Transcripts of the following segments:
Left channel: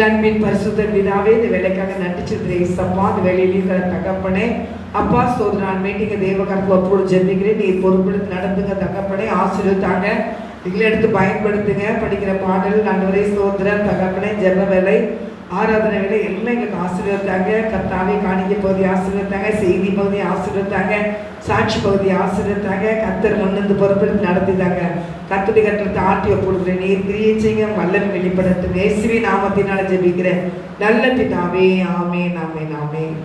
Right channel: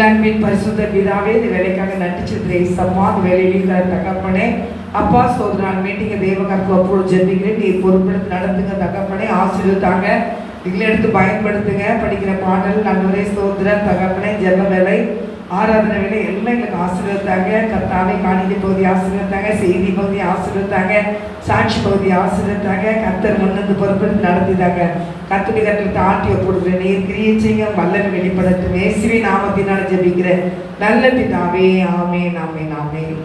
பரிசுத்த பிதாவே, இந்த வேலைக்காக நடிச்சிருக்கிறேன் சம்மா. அந்த வேலையில தகப்பனே அப்பா சோதரான் மீட்டிங்க தேவகாக்கு ஒப்போடு ஜெபிக்கிறேன். நீர் பொறுப்பெடுத்து நடந்துங்க தகப்பனே, ஆசீர்வதித்தாங்க. இதில் எடுத்து பயன்படுத்துங்க. படிக்கிற பாடல் நன்வரே சோதரன் தகப்பனே, ஜெப வேலை ஆராதனை வேலை எல்லாம் எங்களுக்கு ஆசீர்வதித்தாங்க. கர்த்தாவே காணிக்கை பகுதி ஆசீர்வதித்தாங்க, செய்தி பகுதி ஆசீர்வதித்தாங்க, சாட்சி பகுதி ஆசீர்வதித்தாங்க. கர்த்தர் முன்னந்து பொறுப்பெடுத்து நடத்திட்டாங்க. கர்த்தருடைய கட்டத்தை ஆட்டிய போடுகிறேன். நீர் கிரியை செய்ய வல்லனை வெளிப்படுத்தும். இயேசுவின் நாமத்தினால ஜெபிக்கிறேன் நல்ல பிதாவே, ஆமென் ஆமென் ஆமென்.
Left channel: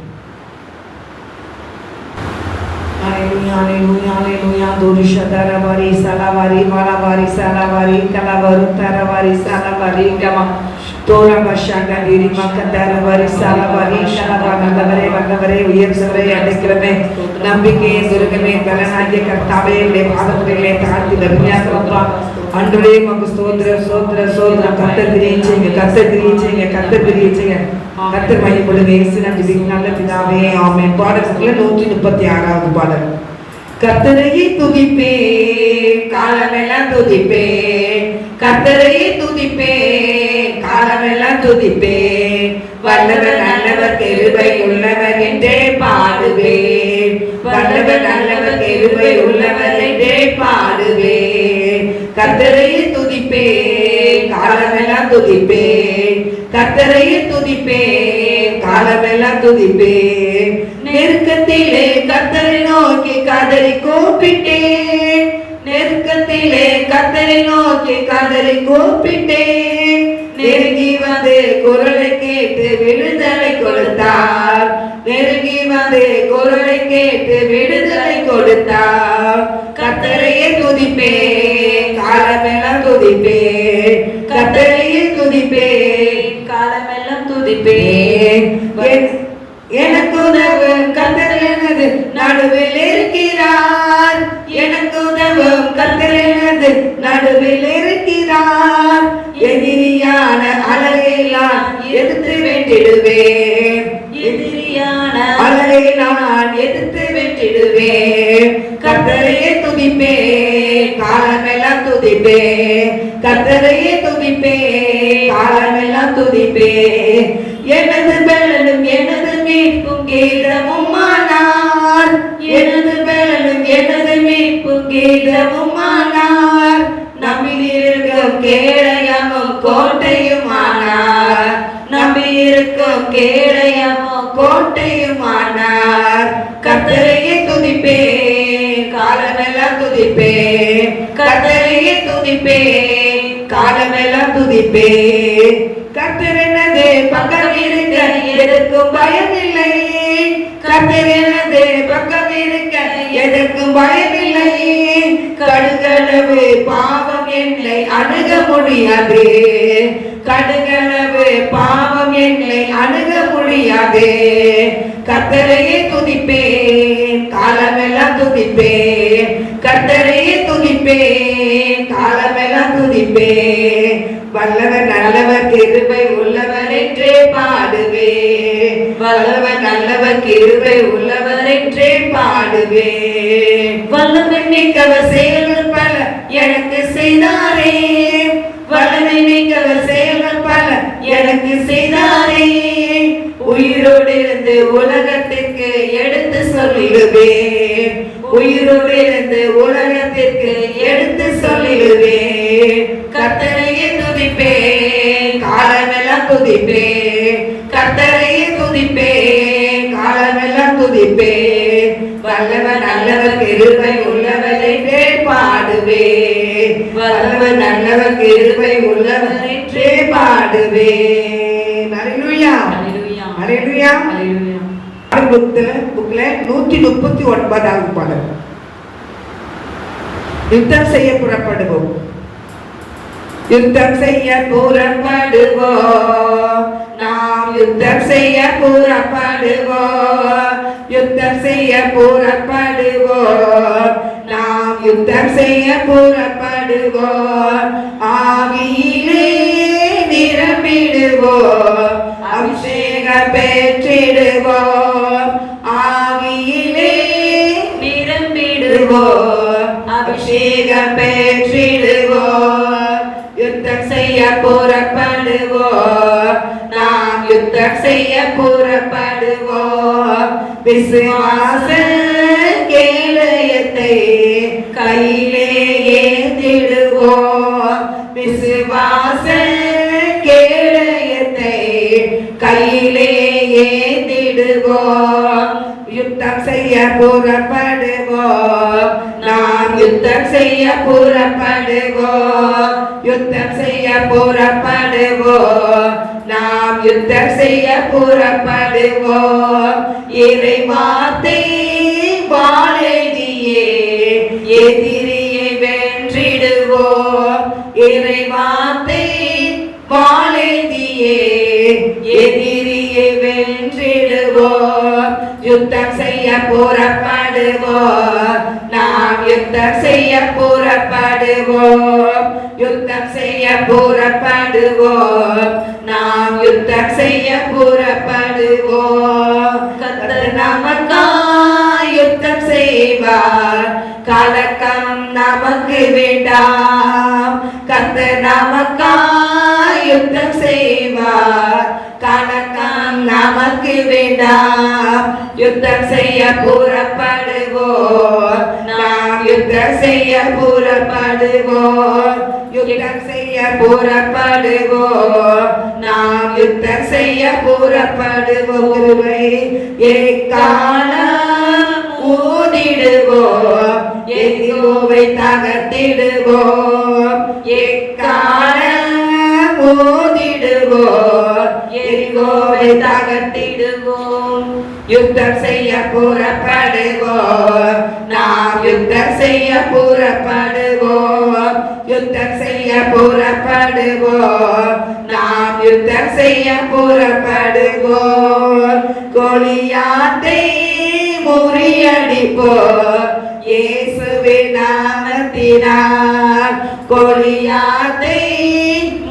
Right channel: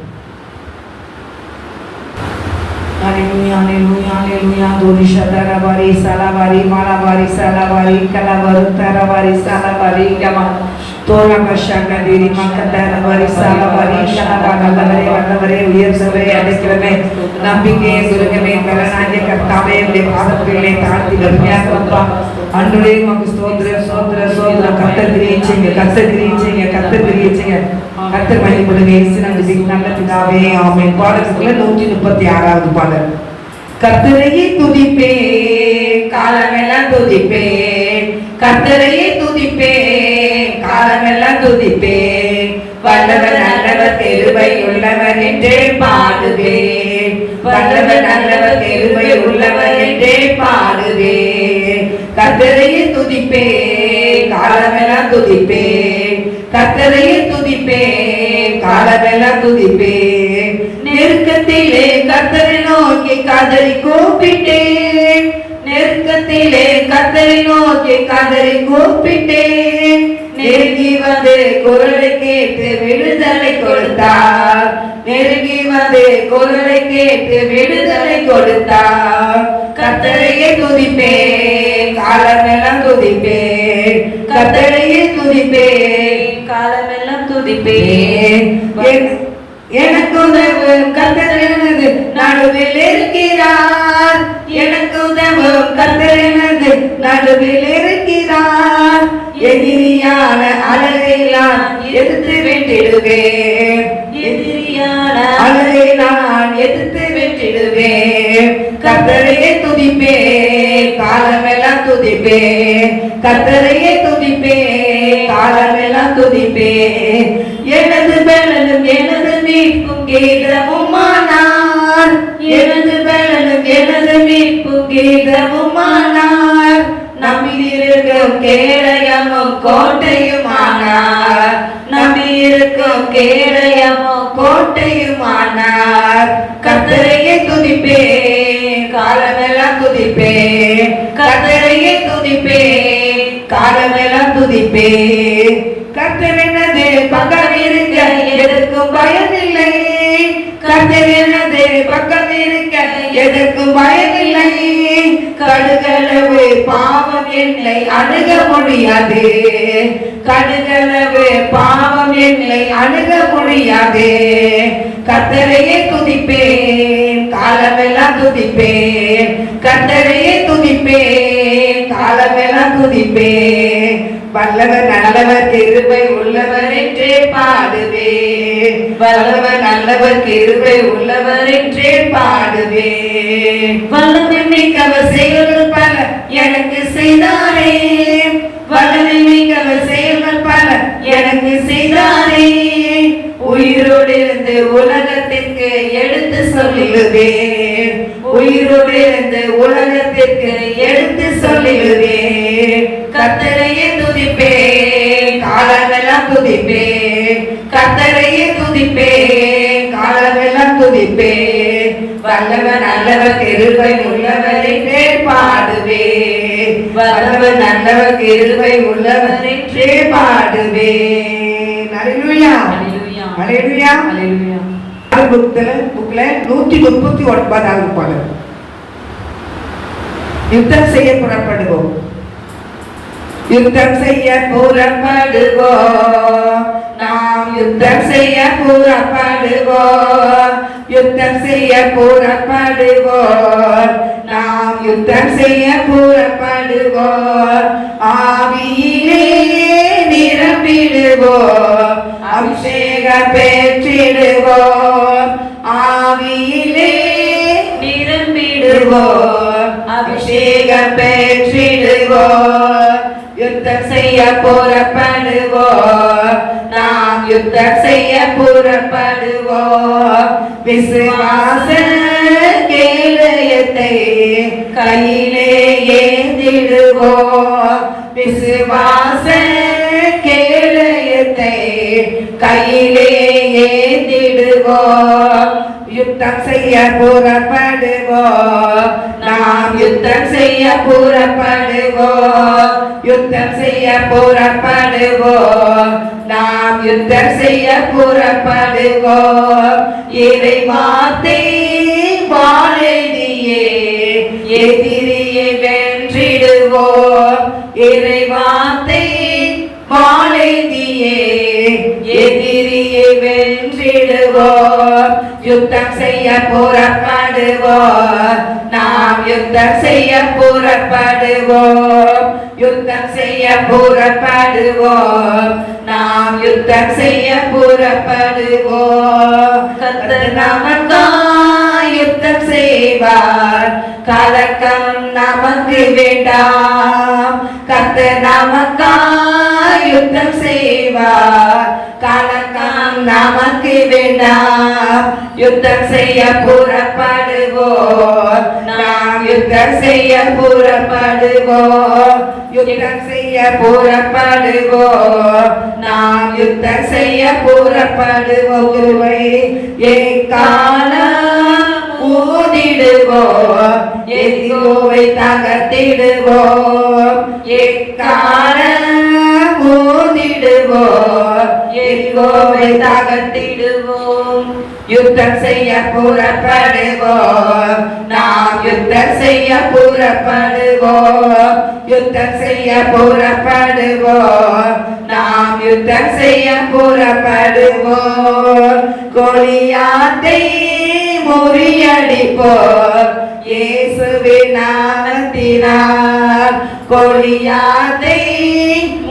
Hallelujah, hallelujah, hallelujah. Dorisha Daravari, Salavari, Malavari, Salavari, Kalavar, Taravari, Salavari, Kama, Tora Bashanga, Dirima, Kadavari, Salavari, Shahavagavare, Vagavare, Yersave, Adekrame, Nambike, Durgame, Kalanaya, Kartave, Lepavatrile, Tarti, Lamia, Andre, Magustodra, Sodra, Sodra, Katadriching, Katadriching, Katadriching. கர்த்தர் மகிமை கொடுங்க. இயேசுவின் நல்ல பிதாவே, ஆமென். பாடல்ல 136வது பாடல். கர்த்தரையே துதிப்பேன், காலமெல்லாம் துதிப்பேன். கர்த்தரையே துதிப்பேன், காலமெல்லாம் துதிப்பேன். வல்லவர் நல்லவர் கிருபை உள்ளவர் என்றே பாடுவேன். வல்லவர் நல்லவர் கிருபை உள்ளவர் என்றே பாடுவேன். கர்த்தரையே துதிப்பேன், காலமெல்லாம் துதிப்பேன். கர்த்தரையே துதிப்பேன், காலமெல்லாம் துதிப்பேன். நெருக்கத்திலே கர்த்தரை நோக்கி கதறி கூப்பிட்டேன். நெருக்கத்திலே கர்த்தரை நோக்கி கதறி கூப்பிட்டேன். நெருங்கி வந்து குரலை கேட்டு விடுதலை கொடுத்தார். நெருங்கி வந்து குரலை கேட்டு விடுதலை கொடுத்தார். கர்த்தரையே துதிப்பேன், காலமெல்லாம் துதிப்பேன். கர்த்தரையே துதிப்பேன், காலமெல்லாம் துதிப்பேன். எனக்கு உதவும் கர்த்தர் எனது நடுவில் இருக்கிறார். எனக்கு உதவும் கர்த்தர் எனது நடுவில் இருக்கிறார். எதிரியான அழகை நான் எதிர்த்து வெற்றிடுவேன். எதிரியான அழகை நான் எதிர்த்து வெற்றிடுவேன். கர்த்தரையே துதிப்பேன், காலமெல்லாம் துதிப்பேன். கர்த்தரையே துதிப்பேன், காலமெல்லாம் துதிப்பேன். எனது பலனும் எனது மீட்பும் கீதமுமானார். எனது பலனும் எனது மீட்பும் கீதமுமானார். நம்மிருக்கும் கேடயமும் கோட்டையுமானார். நம்மிருக்கும் கேடயமும் கோட்டையுமானார். கர்த்தரையே துதிப்பேன், காலமெல்லாம் துதிப்பேன். கர்த்தரையே துதிப்பேன், காலமெல்லாம் துதிப்பேன். கர்த்தர் எனது பக்கம் இருக்க எதற்கும் பயமில்லை. கர்த்தர் எனது பக்கம் இருக்க எதற்கும் பயமில்லை. கடுகளவு பாவம் என்னை அணுக முடியாது. கடுகளவு பாவம் என்னை அணுக முடியாது. கர்த்தரையே துதிப்பேன், காலமெல்லாம் துதிப்பேன். கர்த்தரையே துதிப்பேன், காலமெல்லாம் துதிப்பேன். வல்லவர் நல்லவர் கிருபை உள்ளவர் என்றே பாடுவேன். வல்லவர் நல்லவர் கிருபை உள்ளவர் என்றே பாடுவேன். வல்லமை மிக்கவர் செயல்கள் பல எனக்கு செய்தாரே. வல்லமை மிக்கவர் செயல்கள் பல எனக்கு செய்தாரே. உயிரோடு இருந்து உலகத்திற்கு எடுத்து சொல்லிடுவேன். உயிரோடு இருந்து உலகத்திற்கு எடுத்து சொல்லிடுவேன். கர்த்தரையே துதிப்பேன், காலமெல்லாம் துதிப்பேன். கர்த்தரையே துதிப்பேன், காலமெல்லாம் துதிப்பேன். வல்லவர் நல்லவர் கிருபை உள்ளவர் என்றே பாடுவேன். வல்லவர் நல்லவர் கிருபை உள்ளவர் என்றே பாடுவேன். ஹல்லேலூயா, ஹல்லேலூயா, ஹல்லேலூயா, ஹல்லேலூயா. புக்ல 139வது பாடல். யுத்தம் செய்ய புறப்படுவோம். யுத்தம் செய்ய புறப்படுவோம். நாம் யுத்தம் செய்ய புறப்படுவோம். யுத்தம் செய்ய புறப்படுவோம். நாம் யுத்தம் செய்ய புறப்படுவோம். ஆவியிலே நிரம்பிடுவோம். அபிஷேக பெற்றிடுவோம். ஆவியிலே நிரம்பிடுவோம். அபிஷேக பெற்றிடுவோம். யுத்தம் செய்ய புறப்படுவோம். யுத்தம் செய்ய புறப்படுவோம். விசுவாச கேடயத்தை கையிலே ஏந்திடுவோம். விசுவாச கேடயத்தை கையிலே ஏந்திடுவோம். யுத்தம் செய்ய புறப்படுவோம். நாம் யுத்தம் செய்ய புறப்படுவோம். யுத்தம் செய்ய புறப்படுவோம். நாம் யுத்தம் செய்ய புறப்படுவோம். இறை வார்த்தை வாழெழுதியே எதிரியை வென்றிடுவோம். இறை வார்த்தை வாழெழுதியே எதிரியை வென்றிடுவோம். யுத்தம் செய்ய புறப்படுவோம். நாம் யுத்தம் செய்ய புறப்படுவோம். யுத்தம் செய்ய புறப்படுவோம். நாம் யுத்தம் செய்ய புறப்படுவோம். கர்த்தர் நமக்காய் யுத்தம் செய்வார். கலக்கம் நமக்கு வேண்டாம். கர்த்தர் நமக்காய் யுத்தம் செய்வார். கலக்கம் நமக்கு வேண்டாம். யுத்தம் செய்ய புறப்படுவோம். நாம் யுத்தம் செய்ய புறப்படுவோம். யுத்தம் செய்ய புறப்படுவோம். நாம் யுத்தம் செய்ய புறப்படுவோம். எக்காலம் ஊதிடுவோம். எதிரோவை தகர்த்திடுவோம். எக்காலம் ஊதிடுவோம். எதிரோவை தகர்த்திடுவோம். யுத்தம் செய்ய புறப்படுவோம். நாம் யுத்தம் செய்ய புறப்படுவோம். யுத்தம் செய்ய புறப்படுவோம். நாம் யுத்தம் செய்ய புறப்படுவோம். கோலியாத்தை முறியடிப்போம். இயேசுவின் நாமத்தினால் கோலியாத்தை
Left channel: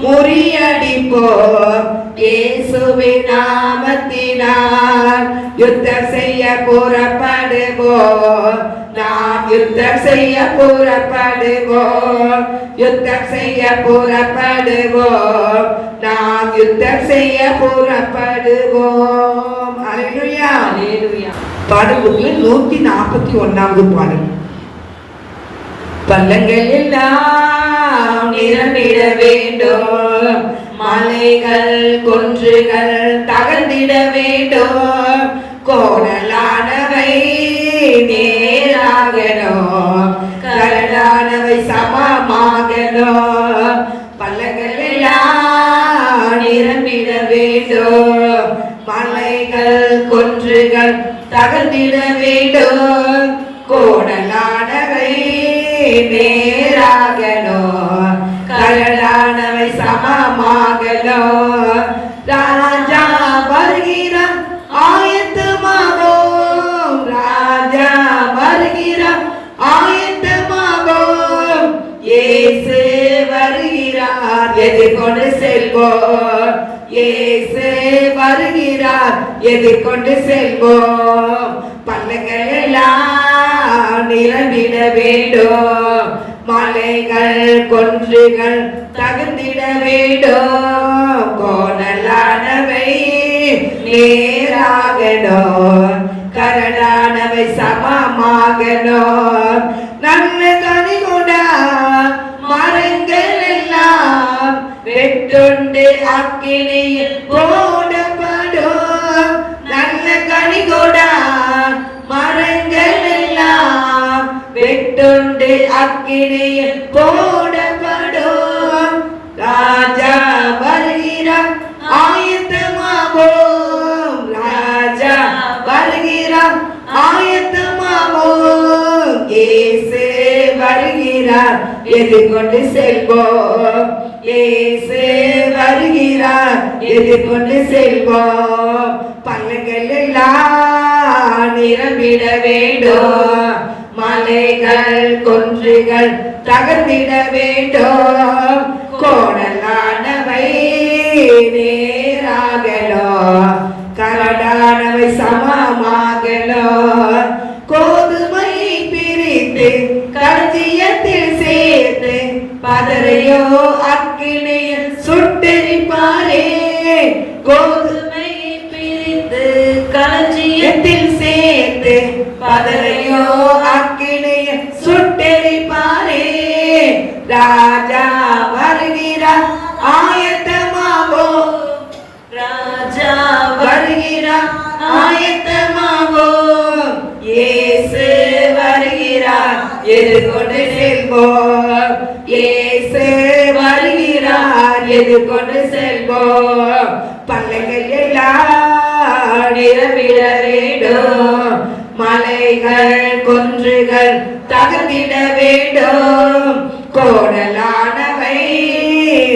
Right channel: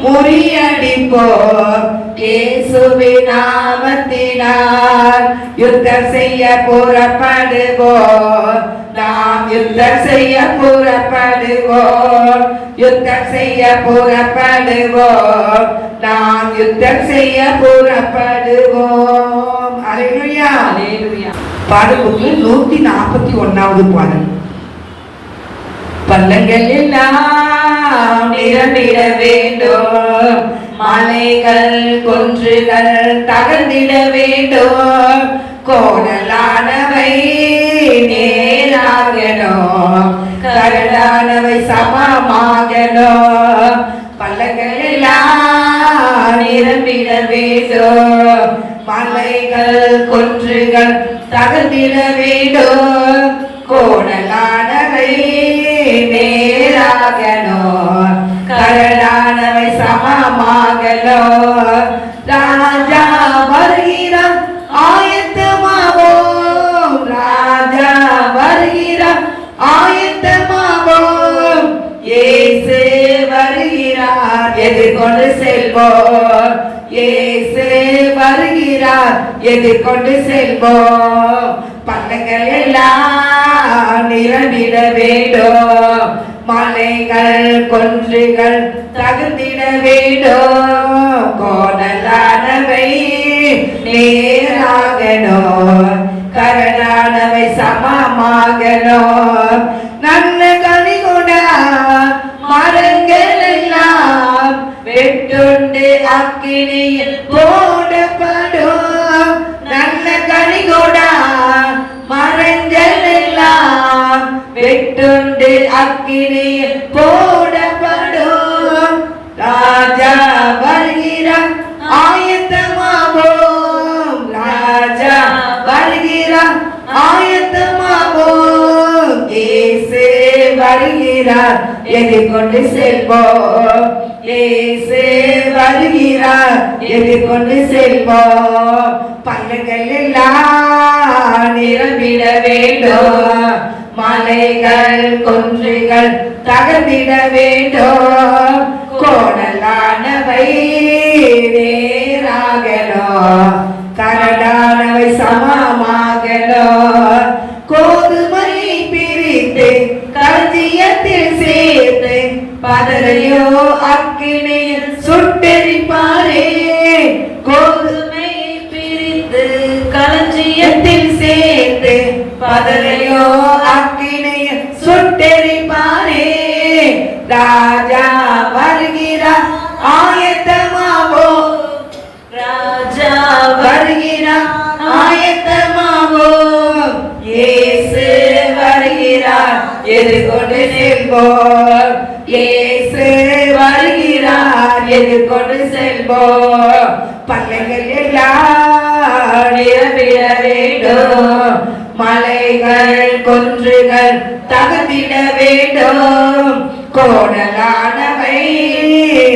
முறியடிப்போம். இயேசுவின் நாமத்தினால் யுத்தம் செய்ய புறப்படுவோம். நாம் யுத்தம் செய்ய புறப்படுவோம். யுத்தம் செய்ய புறப்படுவோம். நாம் யுத்தம் செய்ய புறப்படுவோம். அல்லேலூயா, அல்லேலூயா. பாடல் 141வது பாடல். பள்ளங்கள் எல்லாம் நிரம்பிட வேண்டும். மலைகள் குன்றுகள் தகர்ந்திட வேண்டும். கோணலானவை நேராகணும். கரடானவை சமமாகணும். பள்ளங்கள் எல்லாம் நிரம்பிட வேண்டும். மலைகள் குன்றுகள் தகர்ந்திட வேண்டும். கோணலானவை நேராகணும். கரடானவை சமமாகணும். ராஜா வருகிறார், ஆயத்தமாவோம். ராஜா வருகிறார், ஆயத்தமாவோம். இயேசு வருகிறார், எதிர்கொண்டு செல்வோம். இயேசு வருகிறார், எதிர்கொண்டு செல்வோம். பள்ளங்கள் எல்லாம் நிரம்பிட வேண்டும். மலைகள் குன்றுகள் தகர்ந்திட வேண்டும். கோணலானவை நேராகணும். கரடானவை சமமாகணும். நல்ல கனிகுணா மரங்கள் எல்லாம் வெட்டுண்டு அக்கினியில் போடப்படும். நல்ல கனிகுணா மரங்கள் எல்லாம் வெட்டுண்டு அக்கினியில் போடப்படும். ராஜா வருகிறார், ஆயத்தமாவோம். ராஜா வருகிறார், ஆயத்தமாவோம். இயேசு வருகிறார், எதிர்கொண்டு செல்வோம். இயேசு வருகிறார், எதிர்கொண்டு செல்வோம். பள்ளங்கள் எல்லாம் நிரம்பிட வேண்டும். மலைகள் குன்றுகள் தகர்ந்திட வேண்டும். கோணலானவை நேராகணும். கரடானவை சமமாகணும். கோதுமை பிரித்து களஞ்சியத்தில் சேர்த்து பதரையோ அக்கினியில் சுட்டெரிப்பாரே. கோதுமை அதனையோ அக்கினியில் சுட்டெரிப்பாரே. ராஜா வருகிறார் ஆயத்தமாவோ, ராஜா வருகிறார் ஆயத்தமாவோ. இயேசு வருகிறார் எதிர்கொண்டு செல்வோம். இயேசு வருகிறார் எதிர்கொண்டு செல்வோம். பல்லங்கள் எல்லாம் நிரம்பிட வேண்டும். மலைகள் குன்றுகள் தகர்ந்திட வேண்டும். கோடலானவை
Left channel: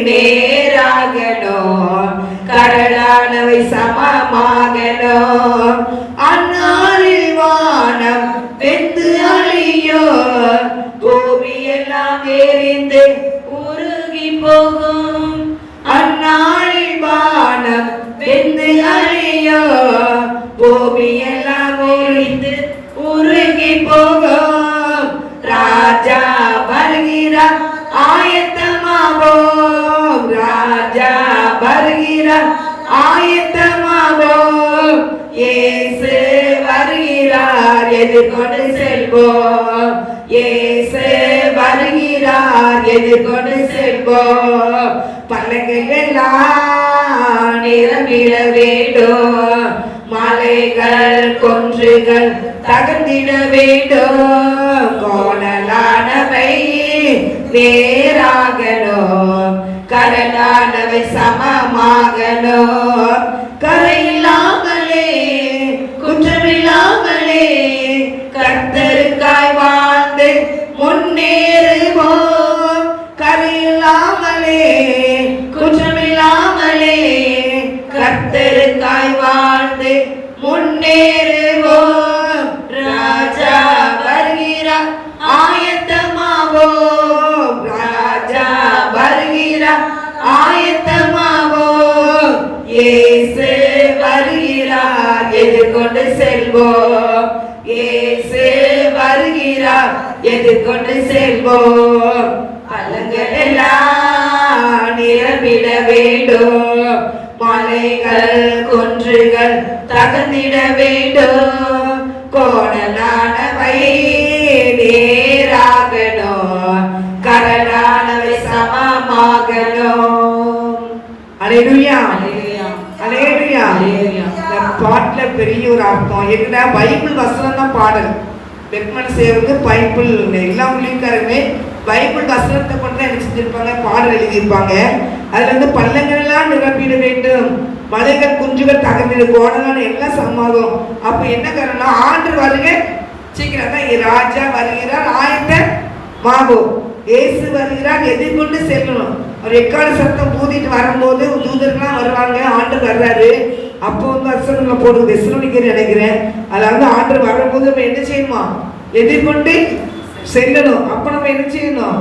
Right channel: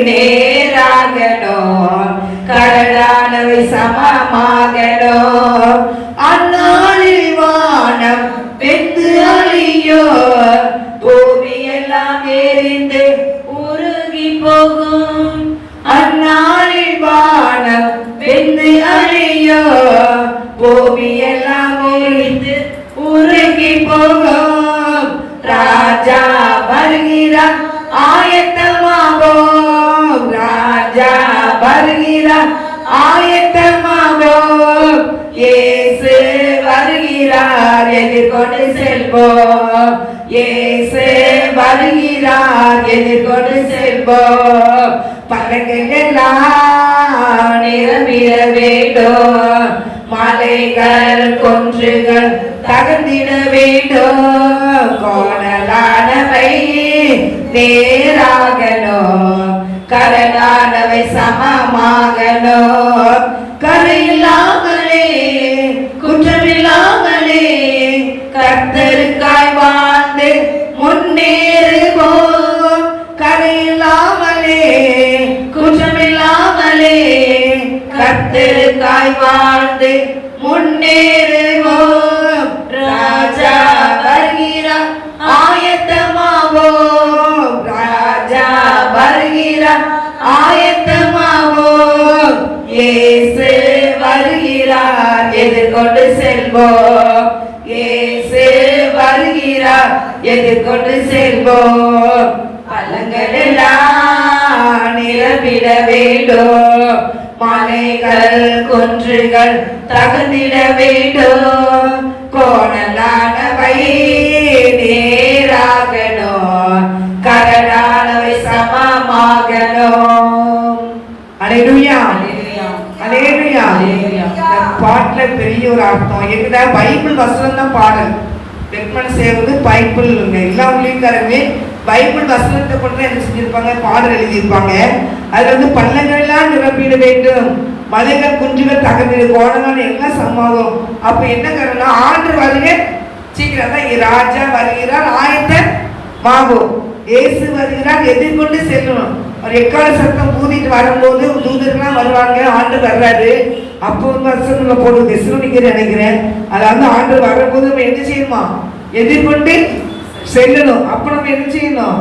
நேராகணும், கரடானவை சமமாகணும். அந்நாளில் வானம் வெந்து அழியோ, பூமியெல்லாம் எரிந்து உருகி போகும். அந்நாளில் வானம் வெந்து அழியோ, பூமியெல்லாம் எரிந்து உருகி போகும். ராஜா வருகிறார் ஆயத்தமாவோம். ராஜா வருகிறார் ஆயத்தமாவோம். இயேசு வருகிறார் எதிர்கொண்டு செல்வோம். இயேசு வருகிறார் எதிர்கொண்டு செல்வோம். பல்லங்கள் எல்லாம் நிரம்பிட வேண்டும். மலைகள் குன்றுகள் தகர்ந்திட வேண்டும். கோணலானவை நேராகணும், கரடானவை சமமாகணும். கரையில்லாமலே குற்றமில்லாமலே கர்த்தருக்காய் வாழ்ந்து முன்னேறுவோம். கரையில்லாமலே குற்றமில்லாமலே கர்த்தருக்காய் வாழ்ந்து முன்னேறுவோம். ராஜா வருகிறார் ஆயத்தமாவோம். ராஜா வருகிறார் ஆயத்தமாவோம். இயேசு வருகிறார் எதிர்கொண்டு செல்வோம். இயேசு வருகிறார் எதிர்கொண்டு செல்வோம். பழங்கள் எல்லாம் நிரம்பிட வேண்டும். மலைகள் குன்றுகள் தகர்ந்திட வேண்டும். கோணலானவை நேராகணும், கரடானவை சமமாகணும். அல்லேலூயா, அல்லேலூயா. இந்த பாட்டுல பெரிய ஒரு அர்த்தம் இருக்குதா? பைபிள் வசனம் தான் பாடல். பெட்மன் சேவது பைபிள் எல்லா ஊழியக்காரருமே பைபிள் வசனத்தை கொண்டு என்ன செஞ்சிருப்பாங்க, பாடல் எழுதியிருப்பாங்க. அதுல வந்து பள்ளங்கள் எல்லாம் நிரப்பிட வேண்டும், மலைகள் குன்றுகள் தகர்ந்திட, கோணங்கள் எல்லாம் சமமாகும். அப்ப என்ன காரணம்? ஆண்டு வருக சீக்கிரம் தான். ராஜா வருகிறார் ஆயத்தமாகும். இயேசு வருகிறார் எதிர்கொண்டு செல்லணும். ஒரு எக்கால சத்தம் ஊதிட்டு வரும்போது தூதர்கள்லாம் வருவாங்க. ஆண்டு வர்றாரு. அப்போ வந்து அசனங்களை போடுறது தெசலோனிக்கேயர் நினைக்கிறேன். அதில் வந்து ஆண்டு வரும்போது நம்ம என்ன செய்யணுமா? எதிர்கொண்டு செல்லணும். அப்போ நம்ம என்ன செய்யணும்?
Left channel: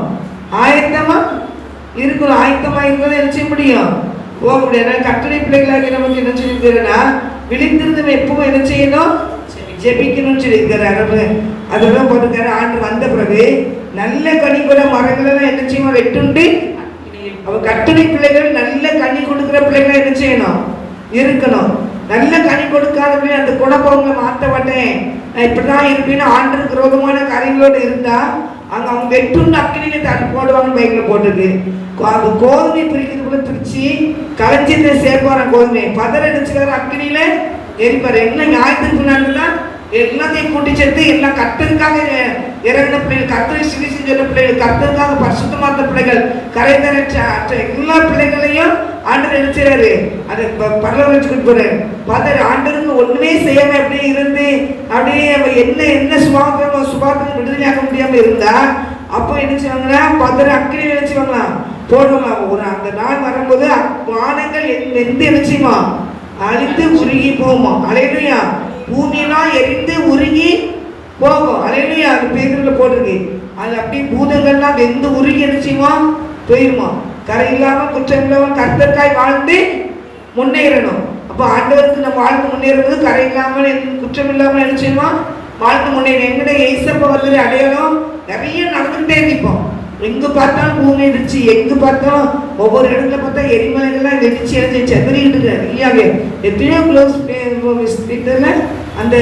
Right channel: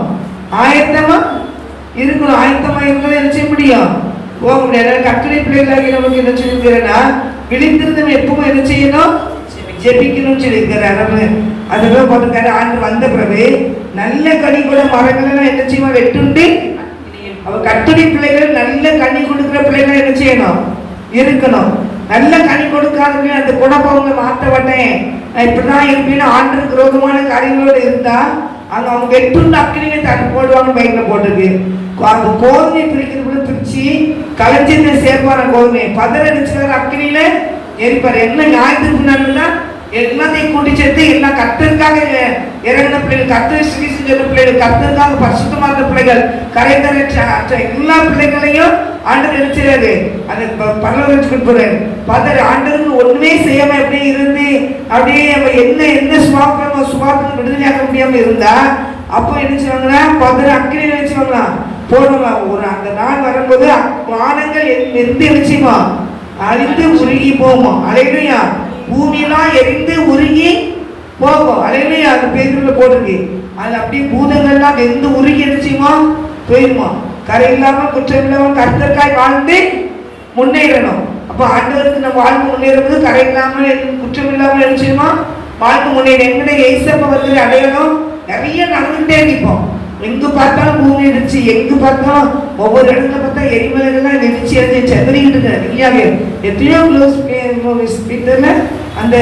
ஆயத்தமா இருக்கணும். ஆயத்தமா இருந்தாலும் என்ன செய்ய முடியும்? போக முடியாது. கட்டளை பிள்ளைகளாக நமக்கு என்ன சொல்லியிருக்கிறேன்னா, விழித்திருந்தவன் எப்பவும் என்ன செய்யணும்? ஜெபிக்கணும்னு சொல்லியிருக்கிறார். அதெல்லாம் போட்டிருக்காரு. ஆண்டு வந்த பிறகு நல்ல கனி கூட மரங்கள் எல்லாம் என்ன செய்யணும்? வெட்டுண்டு அவ கட்டளை பிள்ளைகள் நல்ல கனி கொடுக்குற பிள்ளைகள் என்ன செய்யணும்? இருக்கணும். நல்ல கனி கொடுக்காதவே அந்த குணப்பொருளை மாற்றப்பட்டேன், நான் இப்படிதான் இருப்பேன்னு ஆண்டுக்கு விரோதமான காரியங்களோடு இருந்தா அங்க அவங்க வெட்டுண்டு அக்கினியை தள்ளி போடுவாங்க. பைக்கில் போட்டுருக்கு. அந்த கோதுமை பிரிக்கிறதுக்குள்ள பிரிச்சு கலைஞ்சிருந்த சேர்ப்பான கோதுமை பதற நினைச்சாரு அக்கினியில எரிப்பாரு. எல்லாம் ஞாயிற்றுக்கிழமை எல்லாத்தையும் கூட்டி சேர்த்து எல்லாம் கர்த்தருக்காக இறந்த பிள்ளைகள், கர்த்தர் சிகிச்சை பிள்ளைகள், கர்த்தருக்காக பரிசுத்தமான பிள்ளைகள், கரைந்தரற்ற எல்லா பிள்ளைகளையும் ஆண்டவர் நினைச்சாரு. அதை பரலோகத்துக்கு போறாரு. பதற ஆண்டருக்கு ஒண்ணுமே செய்யாம அப்படியே இருந்து அப்படியே என்ன சுபாவம் விடுதலையாக்க முடியாம இருந்தா அப்போ என்ன செய்வாங்கன்னா பதற அக்கினி நினைச்சுவாங்களா போடலாம். ஒரு அந்த நாள் வரும்போது வானங்கள் எந்த நினைச்சுமா அழிந்து உருகி போமா. அல்லேலூயா. பூமியெல்லாம் எரிந்து உருகி போகும். அல்லேலூயா. அது பேருல போட்டிருக்கு. அது அப்படி பூதங்கள்லாம் வெந்து உருகி நினைச்சுமா போயிருமா. கரை இல்லாம குற்றம் இல்லாம கர்த்தருக்காய் வாழ்ந்து முன்னேறணும். அப்ப ஆண்டவருக்கு நம்ம வாழ்வு முன்னேறும்போது கரை இல்லாமல் குற்றம் இல்லாமல் நினைச்சுமா வாழ்க்கை முன்னேற. எங்கட ஏசப்ப வந்து அடையாளம் நிறைய நடந்துகிட்டே இருப்போம். எங்க பார்த்தாலும் பூமி இடிச்சு, எங்க பார்த்தாலும் ஒவ்வொரு இடத்துல பார்த்தா எரிமலைகள்லாம் வெடிச்சு எரிஞ்சு செதறிக்கிட்டு நிறையாவே. எத்தனையோ கிலோமீட்டர்ல அந்த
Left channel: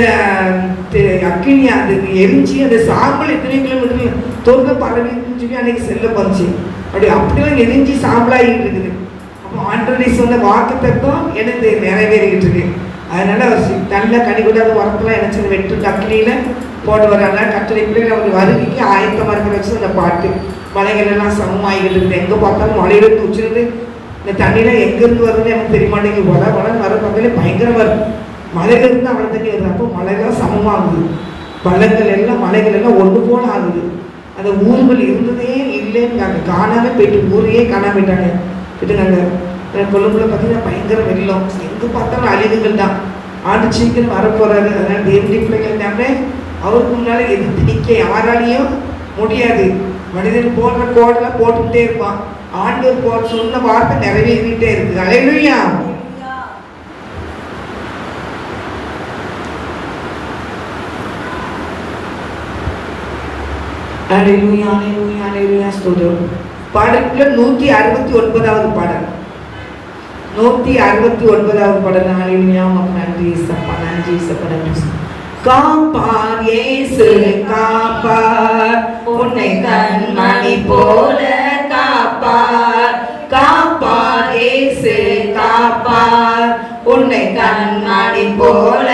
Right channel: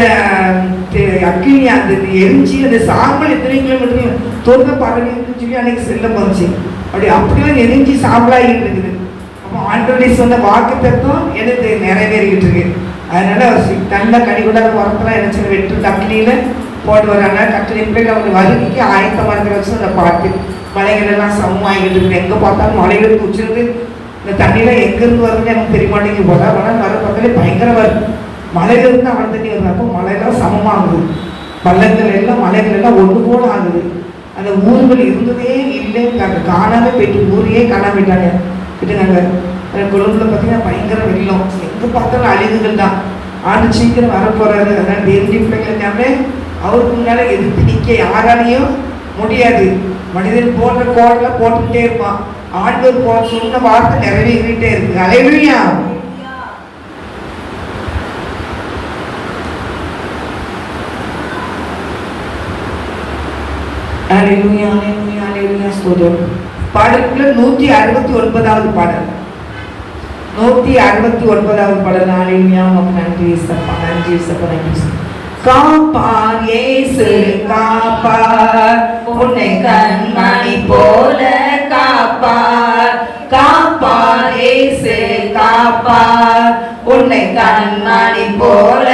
அக்கினி அந்த எரிஞ்சு அந்த சாம்பல் எத்தனையோ கிலோமீட்டர் தோற்ற பரவின்னு சொல்லி அன்னைக்கு செல்ல போச்சு. அப்படியெல்லாம் எரிஞ்சு சாம்பலாகிட்டு இருக்குது. அப்போ ஆண்டவரை சொன்ன வாக்கு தத்துவம் எனக்கு நிறைவேறிக்கிட்டு இருக்கு. அதனால அவர் நல்ல கனிகூடாத உரத்தெல்லாம் நினைச்சு வெட்டு அக்கினியில போட்டு வர்றாங்க. கட்டளை பிள்ளைகள் அவர் வருகைக்கு ஆயத்தமாக இருக்கிற வச்சு அந்த பாட்டு மலைகள் எல்லாம் சமமாகிட்டு இருக்கு. எங்கே பார்த்தாலும் மலைகள் குச்சிட்டு இந்த தண்ணியெலாம் எங்கேருந்து வருதுன்னு எனக்கு தெரிய மாட்டேங்குது. வர பக்கத்துல பயங்கரம் வருது. மலையிலிருந்து அவ்வளோ தண்ணி வருது. அப்போ மலையெல்லாம் சமமாகுது. பள்ளங்கள் எல்லாம் மலைகள் எல்லாம் ஒன்று போல ஆகுது. அந்த ஊர்கள் இருந்ததே இல்லைன்னு காணாமே போயிட்டு ஊரையே காணாம போயிட்டாங்க. விட்டுங்க கொழும்புல பார்த்தீங்கன்னா பயங்கர வெள்ளம், எங்கே பார்த்தாலும் அழிவுகள் தான். ஆண்டு சீக்கிரம் வரப்போறாரு. அதனால தேவனுடைய பிள்ளைகள் அவருக்கு முன்னால எதிர்த்து நிற்க யாராலையும் முடியாது. மனிதன் போடுற கோடல போட்டுக்கிட்டே இருப்பான். ஆண்டவர் போட சொன்ன வார்த்தை நிறைவேறிட்டே இருக்கு. அல்லேலூயா. அல்லேலூயா, அல்லேலூயா, அல்லேலூயா. ஸ்தோத்திரம். பாடலுக்குள்ள 169வது பாடல், 169வது பாடல். அல்லேலூயா. நன்றி சப்பா, நன்றி சப்பா, நன்றி. காப்பார் இயேசு காப்பார், உன்னை கண்மணி போல காப்பார். காப்பார் இயேசு காப்பார், உன்னை கண்மணி போல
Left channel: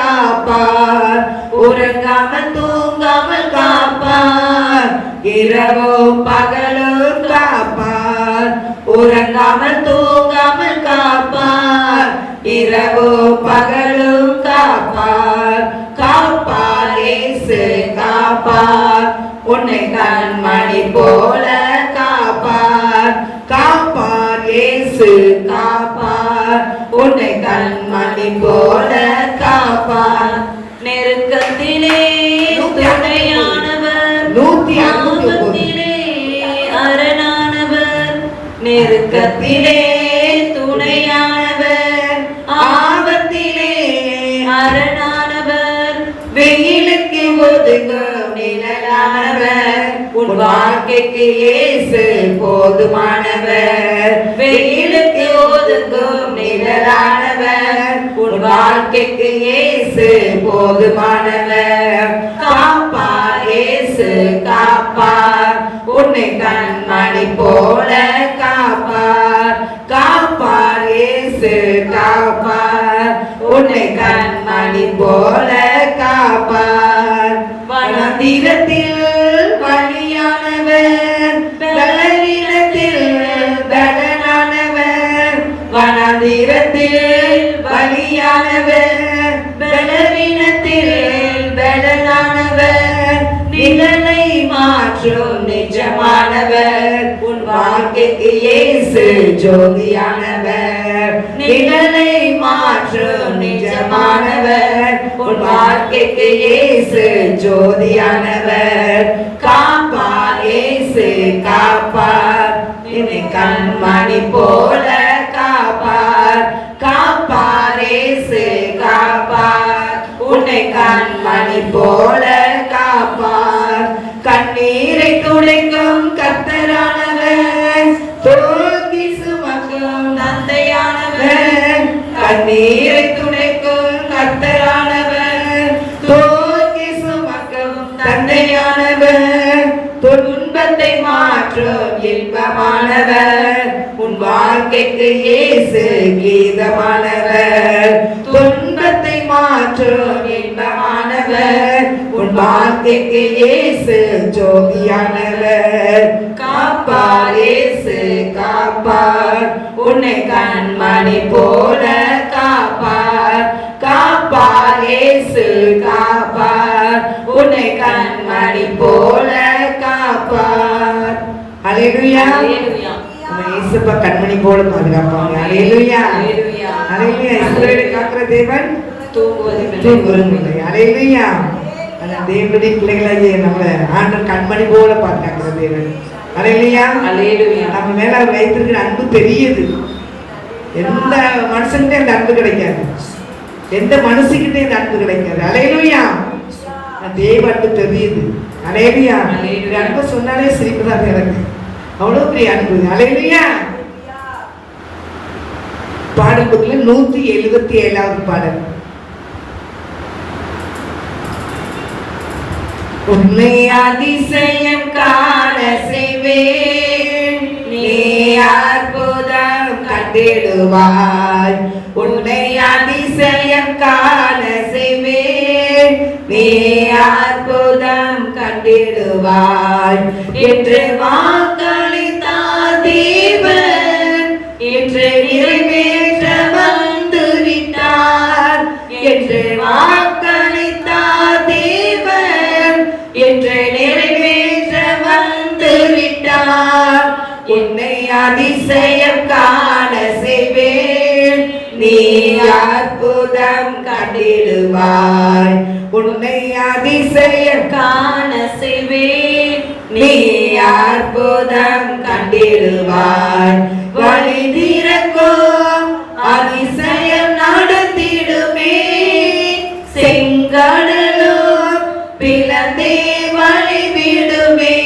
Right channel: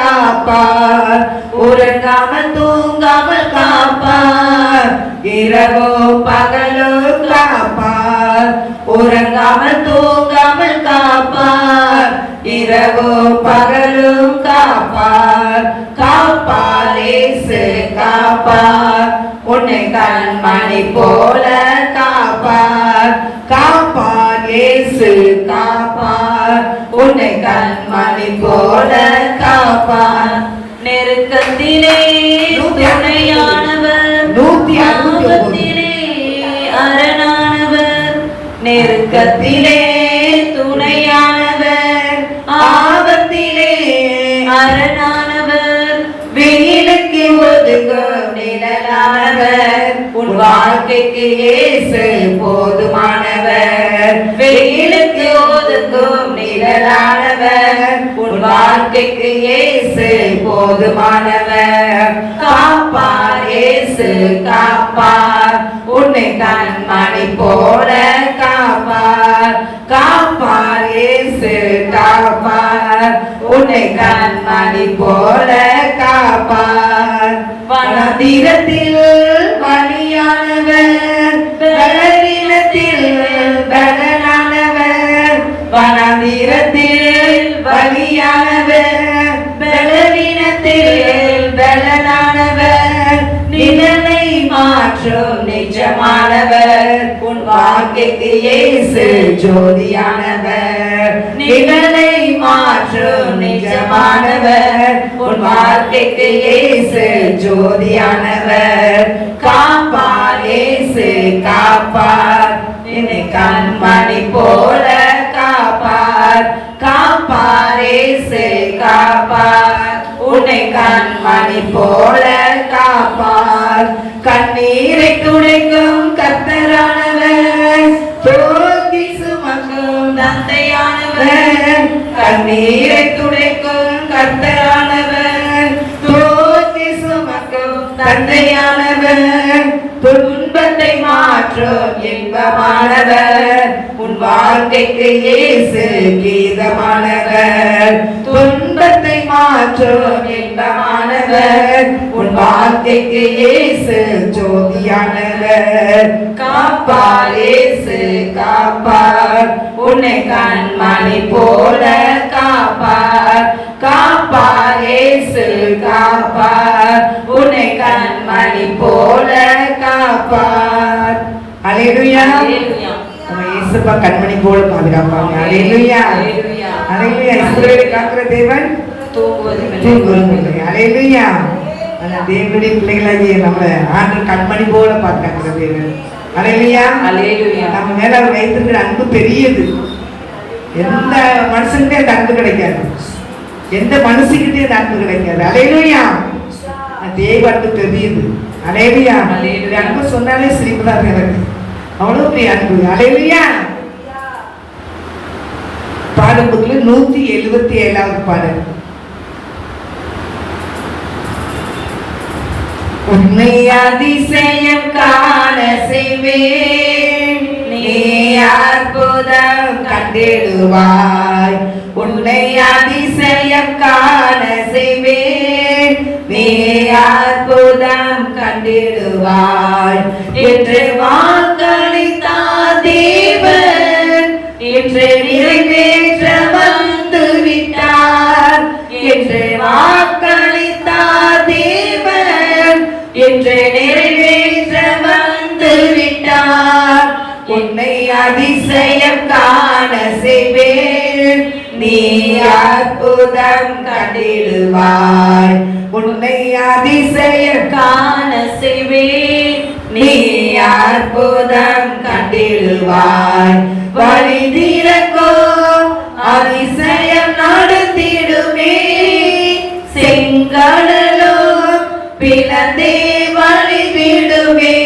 காப்பார். உறங்காமல் தூங்காமல் காப்பார், இரவோ பகலோ காப்பார். உறங்காமல் தூங்காமல் காப்பார், இரவோ பகலும் காப்பார். காப்பார் இயேசு காப்பார், உன்னை கண்மணி போல காப்பார். காப்பார் இயேசு காப்பார், உன்னை கண்மணி போல காப்பார். நெருக்கத்திலே துணையானவர், 169 அரணானவர். நெருக்கத்திலே துணையானவர், ஆபத்திலே அரணானவர். வெயிலுக்கு ஒதுக்கும் நிழலானவர், உன் வாழ்க்கைக்கு இயேசு போதுமானவர். வெயிலுக்கு ஒதுக்கும் நிழலானவர், உன் வாழ்க்கைக்கு இயேசு போதுமானவர். காப்பார் இயேசு காப்பார், உன்னை கண்மணி போல காப்பார். காப்பார் இயேசு காப்பார், உன்னை கண்மணி போல காப்பார். வனதீரத்தில் பலியானவர், பலவீனத்தில் பலனானவர். வனதீரத்தில் பலியானவர், பலவீனத்தில் பலனானவர். நிழலை மாற்றும் நிஜமானவர், உன் வாழ்க்கைக்கு இயேசு ஜோதியானவர். நிழலை மாற்றும் நிஜமானவர், உன் வாழ்க்கைக்கு இயேசு ஜோதியானவர். காப்பார் இயேசு காப்பார், என்னை கண்மணி போல காப்பார். காப்பார் இயேசு காப்பார், உன்னை கண்மணி போல காப்பார். கண்ணீரை துடைக்கும் கர்த்தரானவர், தோல்வி சுமக்கும் தந்தையானவர். கண்ணீரை துடைக்கும் கர்த்தரானவர், தோல்வி சுமக்கும் தந்தையானவர். துன்பத்தை மாற்றும் இன்பமானவர், உன் வாழ்க்கைக்கு இயேசு கீதமானவர். துன்பத்தை மாற்றும் இன்பமானவர், உன் வாழ்க்கைக்கு இயேசு ஜோதியானவர். காப்பார் இயேசு காப்பார், உன்னை கண்மணி போல காப்பார். காப்பார் இயேசு காப்பார், உன்னை கண்மணி போல காப்பார். அல்லேலூயா. நம்ம இயேசுப்பா கண்மணி போல பாதுகாப்பாங்க. அல்லேலூயா, அல்லேலூயா. இஸ்ரவேலை காக்கிற தேவன் தூங்குவதில்லை. அல்லேலூயா. தேவனுடைய பிள்ளைகளாகிய நம்ம ஆண்டவர் கண்மணி போல பாதுகாக்கிற தேவன். அல்லேலூயா, அல்லேலூயா. நம்ம மேல அவர் வைத்திருக்கிற அன்பு பெரியது. எந்த மனுஷன்கிட்டே அந்த அன்பு கிடைக்காது, எந்த மனுஷங்கிட்டே அந்த அன்பு கிடைக்காது. அல்லேலூயா. தேவ அன்பு தெரியுது. அல்லேலூயா. அன்பு சொன்னாலே சிரிப்பு தான் எனக்கு. அவ்வளவு பெரிய அன்பு. அல்லேலூயா. பாடல்கள் 177வது பாடல். உன்னை அதிசயம் காண செய்வேன், நீ அற்புதம் கண்டிடுவாய். உன்னை அதிசயம் காண செய்வேன், நீ அற்புதம் கண்டிடுவாய். என்று வாக்களித்தார் தேவன், என்று நிறைவேற்ற வந்து விட்டார். என்று வாக்களித்தார் தேவன், என்று நிறைவேற்ற வந்து விட்டார். உன்னை அதிசயம் காண செய்வேன், நீ அற்புதம் கண்டிடுவாய். உன்னை அதிசயம் காண செய்வேன், நீ அற்புதம் கண்டிடுவாய். வழி திறக்கும் அதிசயம் நடத்திடுமே, செங்கடலும் பிளந்தே வழி விடுமே.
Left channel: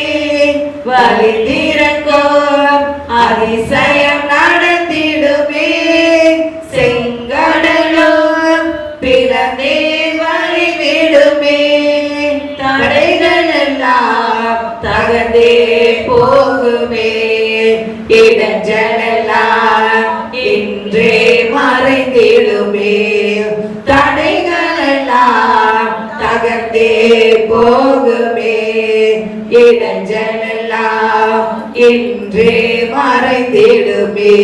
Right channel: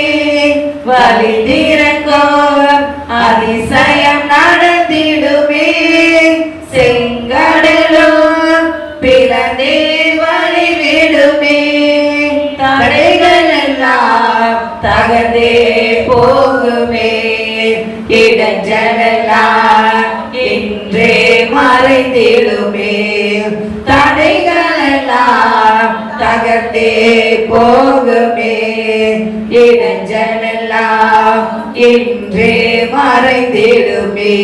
வழி திறக்கும் அதிசயம் நடத்திடுமே, செங்கடலும் பிளந்தே வழி விடுமே. தடைகள் எல்லாம் தகர்ந்தே போகுமே, இடைஞ்சலெல்லாம் இன்றே மறைந்திடுமே. தடைகள் எல்லாம் தகர்ந்தே போகுமே, இடைஞ்சலெல்லாம் இன்றே மறைந்திடுமே.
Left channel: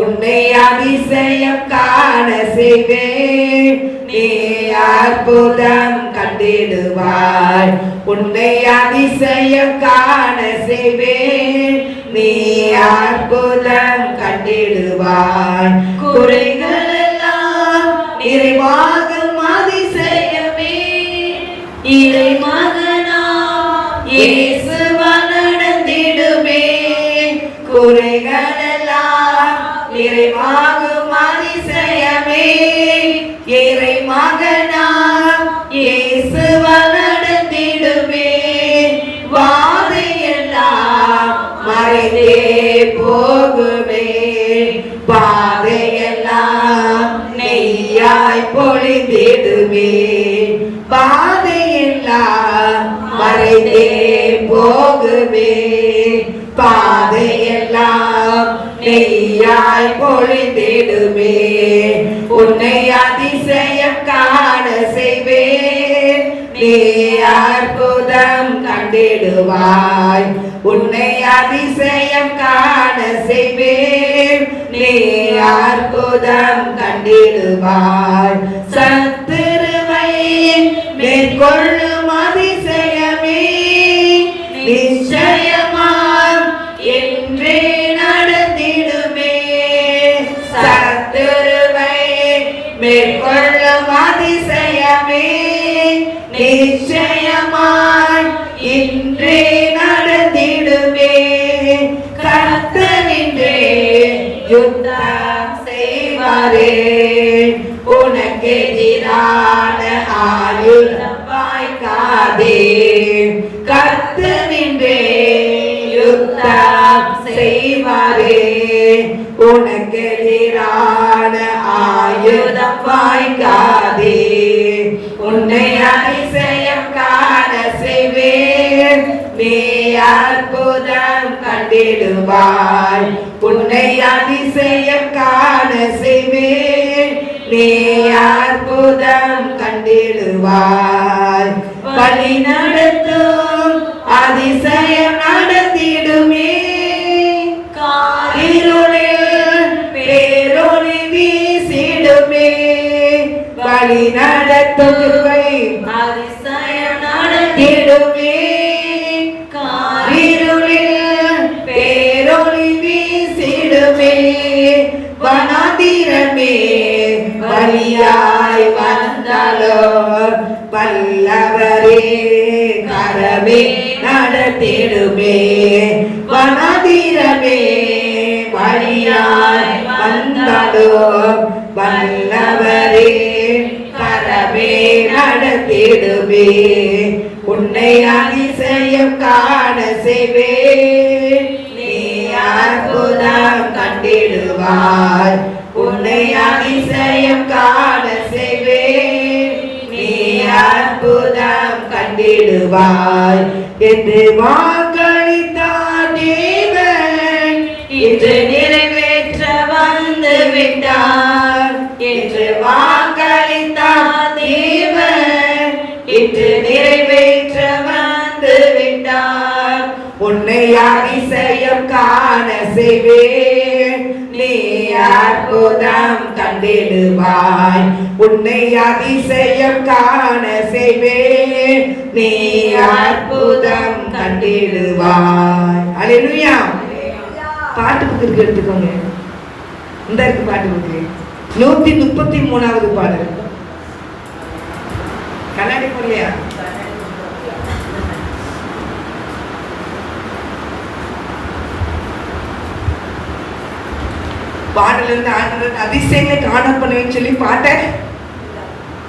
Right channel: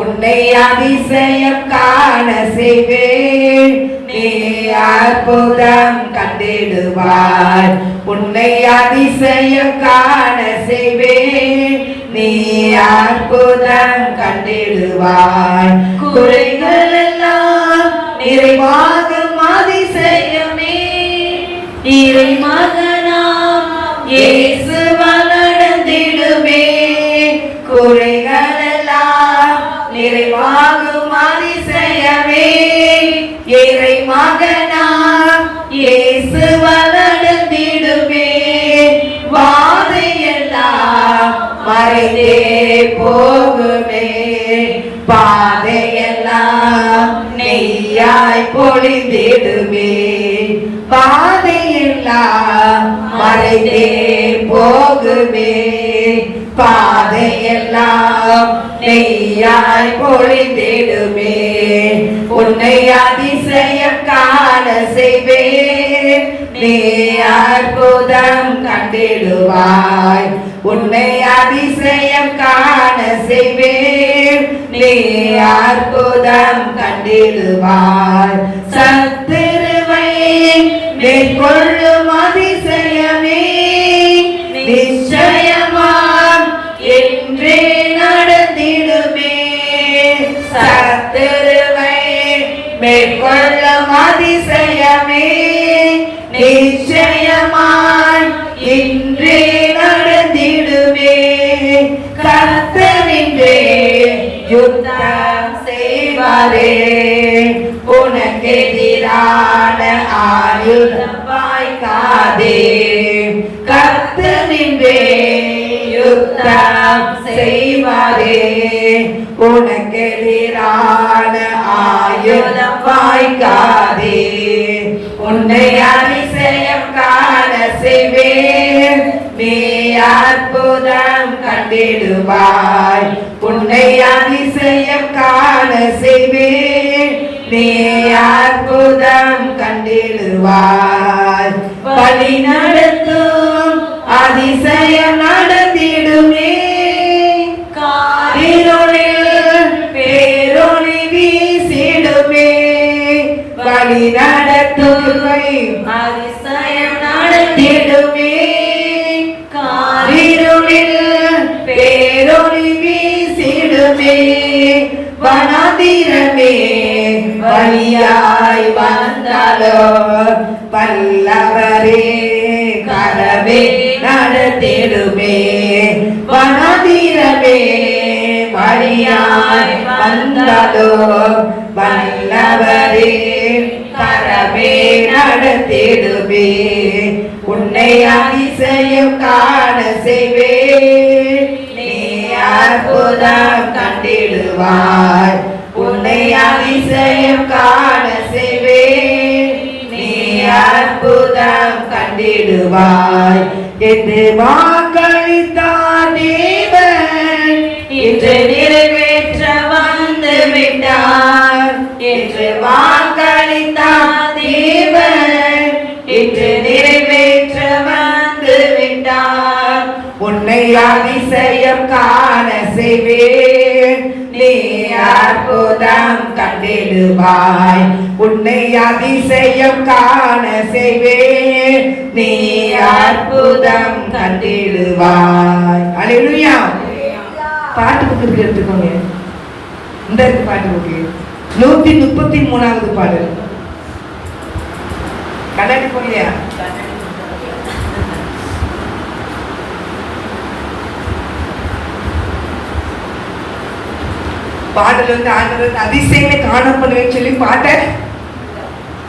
உன்னை அதிசயம் காண செய்வேன், நீ அற்புதம் கண்டிடுவாய். உன்னை அதிசயம் காண செய்வேன், நீ அற்புதம் கண்டிடுவாய். குறைகள் எல்லாம் நிறைவாகும் அதிசயமே, இறை மகனாம் இயேசுவால் நடந்திடுமே. குறைகள் எல்லாம் நிறைவாகும் அதிசயமே, இறை மகனாம் இயேசுவால் நடந்திடுமே. வாதையெல்லாம் மறைந்தே போகுமே, பாதையெல்லாம் நெய்யாய் பொழிந்திடுமே. பாதையெல்லாம் மறைந்தே போகுமே, பாதையெல்லாம் நெய்யாய் பொழிந்திடுமே. உன்னை அதிசயம் காண செய்வேன், நீ அற்புதம் கண்டிடுவாய். உன்னை அதிசயம் காண செய்வேன், நீ அற்புதம் கண்டிடுவாய். சத்துருவை மேற்கொள்ளும் அதிசயமே, நிச்சயமாம் என்றே நடந்திடுமே. சத்துருவை மேற்கொள்ளும் அதிசயமே, நிச்சயமாய் இன்றே நடந்திடுமே. கர்த்தரின்றே யுத்தம் செய்வாரே, உனக்கு எதிரான ஆயுதம் வாய்க்காதே. கர்த்தரின்றே யுத்தம் செய்வாரே, உனக்கு எதிரான ஆயுதம் வாய்க்காதே. உன்னை அதிசயம் காண செய்வேன், நீ அற்புதம் கண்டிடுவாய். உன்னை அதிசயம் காண செய்வேன், நீ அற்புதம் கண்டிடுவாய். வழி நடத்தும் அதிசயம் நடத்திடுமே, காரிருளில் பேரொளி வீசிடுமே. வழி நடத்தும் அதிசயம் நடத்திடுமே, காரிருளில் பேரொளி வீசிடுமே. வனாந்திரமே வழியாய் வந்தாலோ, வல்லவரே கரமே நடத்திடுமே. வனாந்திரமே வழியாய் வந்தாலோ, வல்லவரே கரமே நடத்திடுவே, உன்னை அதிசயம் காண செய்வே, நீ அற்புதம் கண்டிடுவாய், உன்னை அதிசயம் காண செய்வே, நீ அற்புதம் கண்டிடுவாய் என்று வாக்களித்தார் தேவன், இன்று நிறைவேற்ற வந்து விட்டார். என்று வாக்களித்தார் தேவன், இன்று நிறைவேற்ற வந்து விட்டார். உன்னை அதிசயம் காண செய்வேன், நீ அற்புதம் கண்டிடுவாய், உன்னை அதிசயம் காண செய்வேன், நீ அற்புதம் கண்டிடுவாய். அல்லேலூயா. பாட்டு புக்கு எடுத்துக்கோங்க. இந்த பாட்டு புக்கு 133வது பாடல். கண்ணாடி போடலையா? பாடல் வந்து ஆண்டவர் அதிசயங்களை காணப்படுவேன்னு சொல்லி பாட்டை